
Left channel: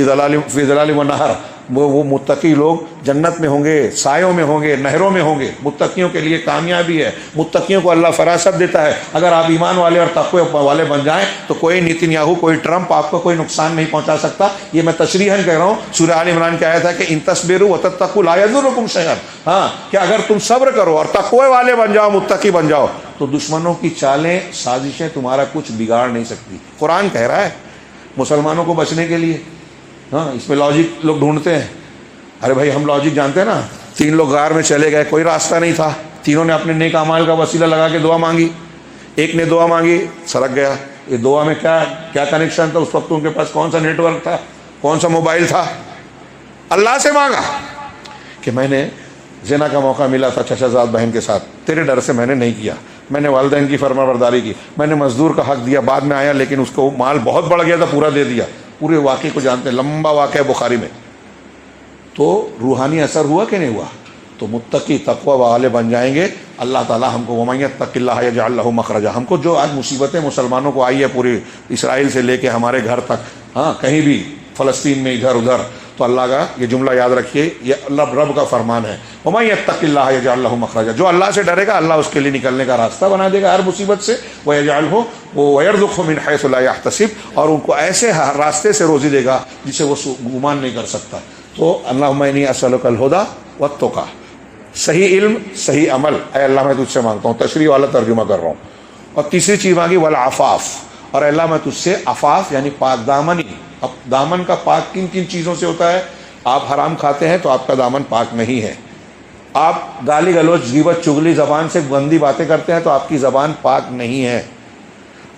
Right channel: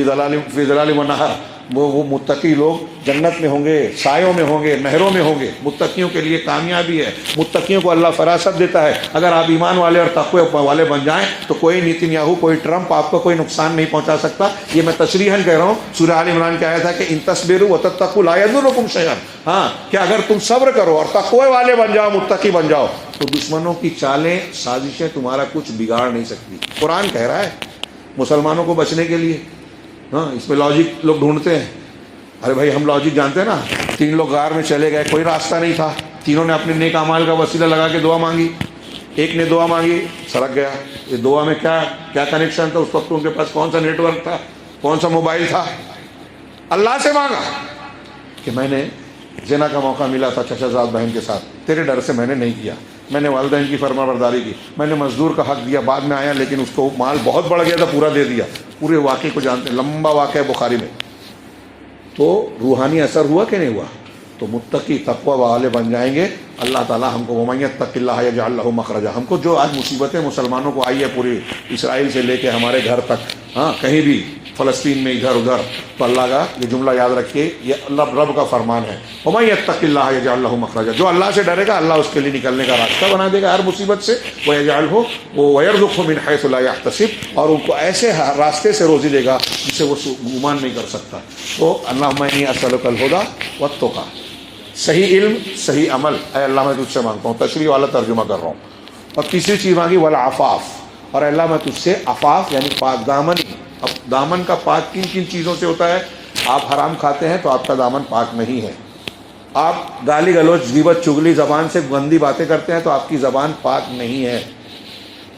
ظلال و نہر، وہ متقی لوگ جنت میں ہوں گے، سایوں میں ہوں گے، نہروں میں ہوں گے. متقیوں کے لیے کامیابی ہے. متقیوں کو اللہ فراست دیتا ہے. اگر آپ ایمان والے اور تقوی والے بن جائیں تو کوئی نیتنیاہو، کوئی ٹرمپ آپ کو کوئی نقصان نہیں پہنچا سکتا. یہ میں تشریحاً کہہ رہا ہوں. سورہ آل عمران کی آیت ہے کہ ان تصبروا وتتقوا لا یضرکم شیئا. ہاں کہ اگر تم صبر کرو اور تقوی والے بن جاؤ، متقی بن جاؤ، تو دشمنوں کی چالیں، سازشیں تمہارا کچھ بگاڑ نہیں سکتی. قرآن کہہ رہا ہے مسلمانوں کو بچنے کے لیے. ہاں اس میں لاجک لوگ ڈھونڈتے ہیں. ارے بھائی ہم لاجک جانتے ہیں نا. 3 لوگ غار میں چلے گئے، کوئی راستہ نہیں تھا، تینوں نے اپنے نیک اعمال کا وسیلہ لگا کے دعا مانگی. ایک نے دعا مانگی سڑک گیا. یہ دعا میں کیا کنیکشن تھا اس وقت؟ ان کے پاس کون سا نیٹ ورک تھا، کون سا موبائل تھا؟ اللہ سے مانگا کہ میں نے زنا کا موقع ملا تھا چچا زاد بہن کے ساتھ، تیرے ڈر سے میں نے نہیں کیا، میں نے والدین کی فرما برداری کی، میں نے مزدور کا حق دیا، بعد میں آیا لیکن اس کو مال بہت بڑھ گیا تھا، پورا دے دیا. پورے واقعے کو جانتے ہیں، لمبا واقعہ ہے بخاری میں. تو روحانی اثر ہوا کہ نہیں ہوا؟ تو متقی تقوی والے بن جائیں گے. اللہ تعالیٰ ہم کو وَمَن يَتَّقِ اللَّهَ يَجْعَل لَهُ مَخْرَجًا. ہم کو جو آج مصیبتیں مسلمانوں کو آئی ہے پوری اسرائیل سے لے کے ہمارے گھر تک، ہاں کہیں بھی فلسطین میں ادھر ادھر، تو اللہ کا یہ جملہ یاد رکھیے، یہ اللہ رب کا فرمان ہے، وَمَن يَتَّقِ اللَّهَ يَجْعَل لَهُ مَخْرَجًا. جو اللہ سے ڈرے گا اللہ اس کے لیے نکلنے کا راستہ بنا دے گا ہر مصیبت سے. وَيَجْعَلْهُ وَيَرْزُقْهُ مِنْ حَيْثُ لَا يَحْتَسِبُ. اور ان کو ایسے راستے سے روزی دے گا جسے وہ گمان نہیں کر سکتا. تو اللہم انی اسألک الہدی والتقی، صحیح علم صحیح عمل، اے اللہ میں تجھ سے مانگتا ہوں. تشریح والا ترجمہ کر رہا ہوں. اور تیسری چیز مانگی والعفاف، اور اللہ میں تجھ سے عفاف یعنی پاک دامنی. اب دامن کا پاک کن کن چیزوں سے ہوتا ہے؟ آپ حرام کھاتے ہیں تو آپ کا دامن پاک نہیں ہے. آپ گالی گلوچ غیبت چغلی زبان سے گندی باتیں کرتے ہیں تو آپ کی زبان پاک نہیں ہے.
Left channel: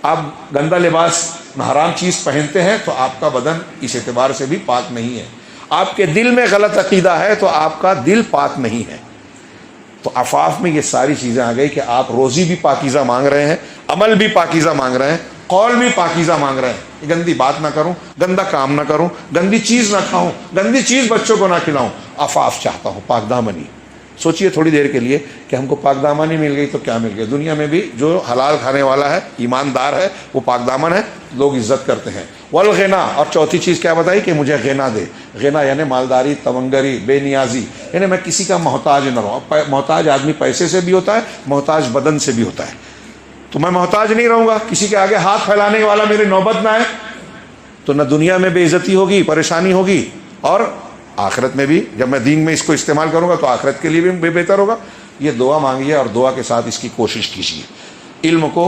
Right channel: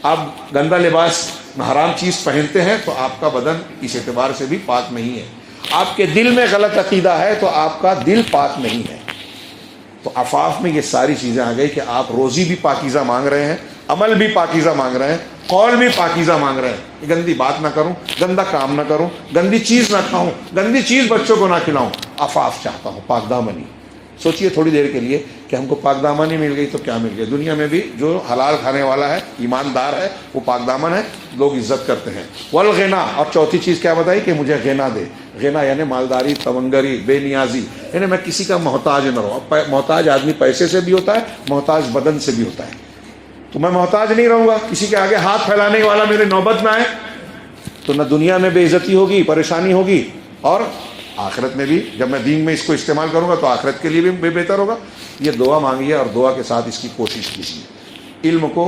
آپ گندا لباس حرام چیز پہنتے ہیں تو آپ کا بدن اس اعتبار سے بھی پاک نہیں ہے. آپ کے دل میں غلط عقیدہ ہے تو آپ کا دل پاک نہیں ہے. تو عفاف میں یہ ساری چیزیں آ گئی کہ آپ روزی بھی پاکیزہ مانگ رہے ہیں، عمل بھی پاکیزہ مانگ رہے ہیں، قول بھی پاکیزہ مانگ رہے ہیں. گندی بات نہ کروں، گندا کام نہ کروں، گندی چیز نہ کھاؤں، گندی چیز بچوں کو نہ کھلاؤں. عفاف چاہتا ہوں، پاک دامنی. سوچئے تھوڑی دیر کے لیے کہ ہم کو پاک دامنی مل گئی تو کیا مل گیا؟ دنیا میں بھی جو حلال کھانے والا ہے، ایماندار ہے، وہ پاک دامن ہے، لوگ عزت کرتے ہیں. والغنا، اور چوتھی چیز کیا بتائی کہ مجھے غنا دے. غنا یعنی مالداری، تونگری، بے نیازی، یعنی میں کسی کا محتاج نہ رہوں. محتاج آدمی پیسے سے بھی ہوتا ہے، محتاج بدن سے بھی ہوتا ہے. تو میں محتاج نہیں رہوں گا، کسی کے آگے ہاتھ پھیلانے والا میرے نوبت میں آئے تو نہ دنیا میں بے عزتی ہوگی، پریشانی ہوگی، اور آخرت میں بھی جب میں دین میں اس کو استعمال کروں گا تو آخرت کے لیے بھی بہتر ہوگا. یہ دعا مانگیے اور دعا کے ساتھ اس کی کوشش کیجیے. علم کو،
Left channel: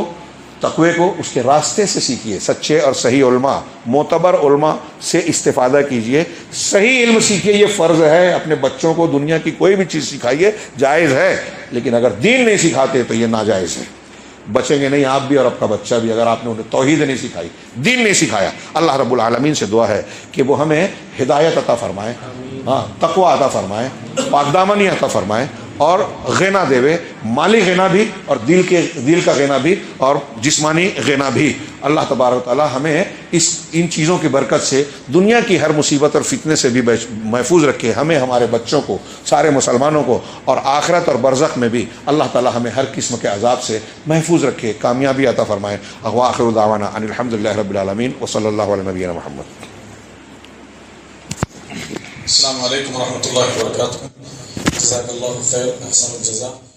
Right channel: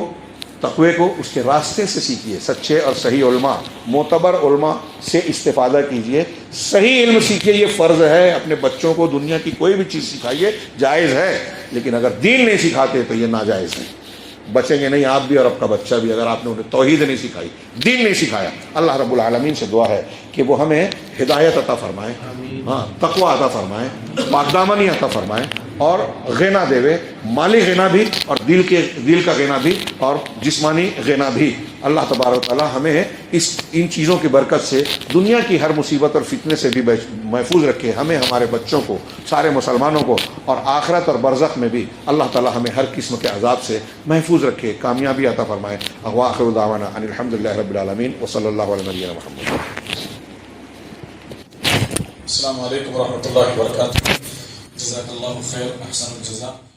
تقوی کو اس کے راستے سے سیکھیے. سچے اور صحیح علماء، معتبر علماء سے استفادہ کیجیے. صحیح علم سیکھیے، یہ فرض ہے. اپنے بچوں کو دنیا کی کوئی بھی چیز سکھائیے، جائز ہے، لیکن اگر دین نہیں سکھاتے تو یہ ناجائز ہے. بچیں گے نہیں آپ بھی اور آپ کا بچہ بھی اگر آپ نے انہیں توحید نہیں سکھائی، دین نہیں سکھایا. اللہ رب العالمین سے دعا ہے کہ وہ ہمیں ہدایت عطا فرمائے، ہاں تقوی عطا فرمائے، پاک دامنی عطا فرمائے، اور غنا دے، مالی غنا بھی اور دل کا غنا بھی اور جسمانی غنا بھی. اللہ تبارک تعالی ہمیں ان چیزوں کی برکت سے دنیا کی ہر مصیبت اور فتنے سے بھی محفوظ رکھے. ہمیں، ہمارے بچوں کو، سارے مسلمانوں کو، اور آخرت اور برزخ میں بھی اللہ تعالی ہمیں ہر قسم کے عذاب سے محفوظ رکھے، کامیابی عطا فرمائے. وآخر دعوانا ان الحمدللہ رب العالمین وصلی اللہ علی نبینا محمد. السلام علیکم ورحمۃ اللہ وبرکاتہ. جزاک اللہ خیر، احسن الجزاء.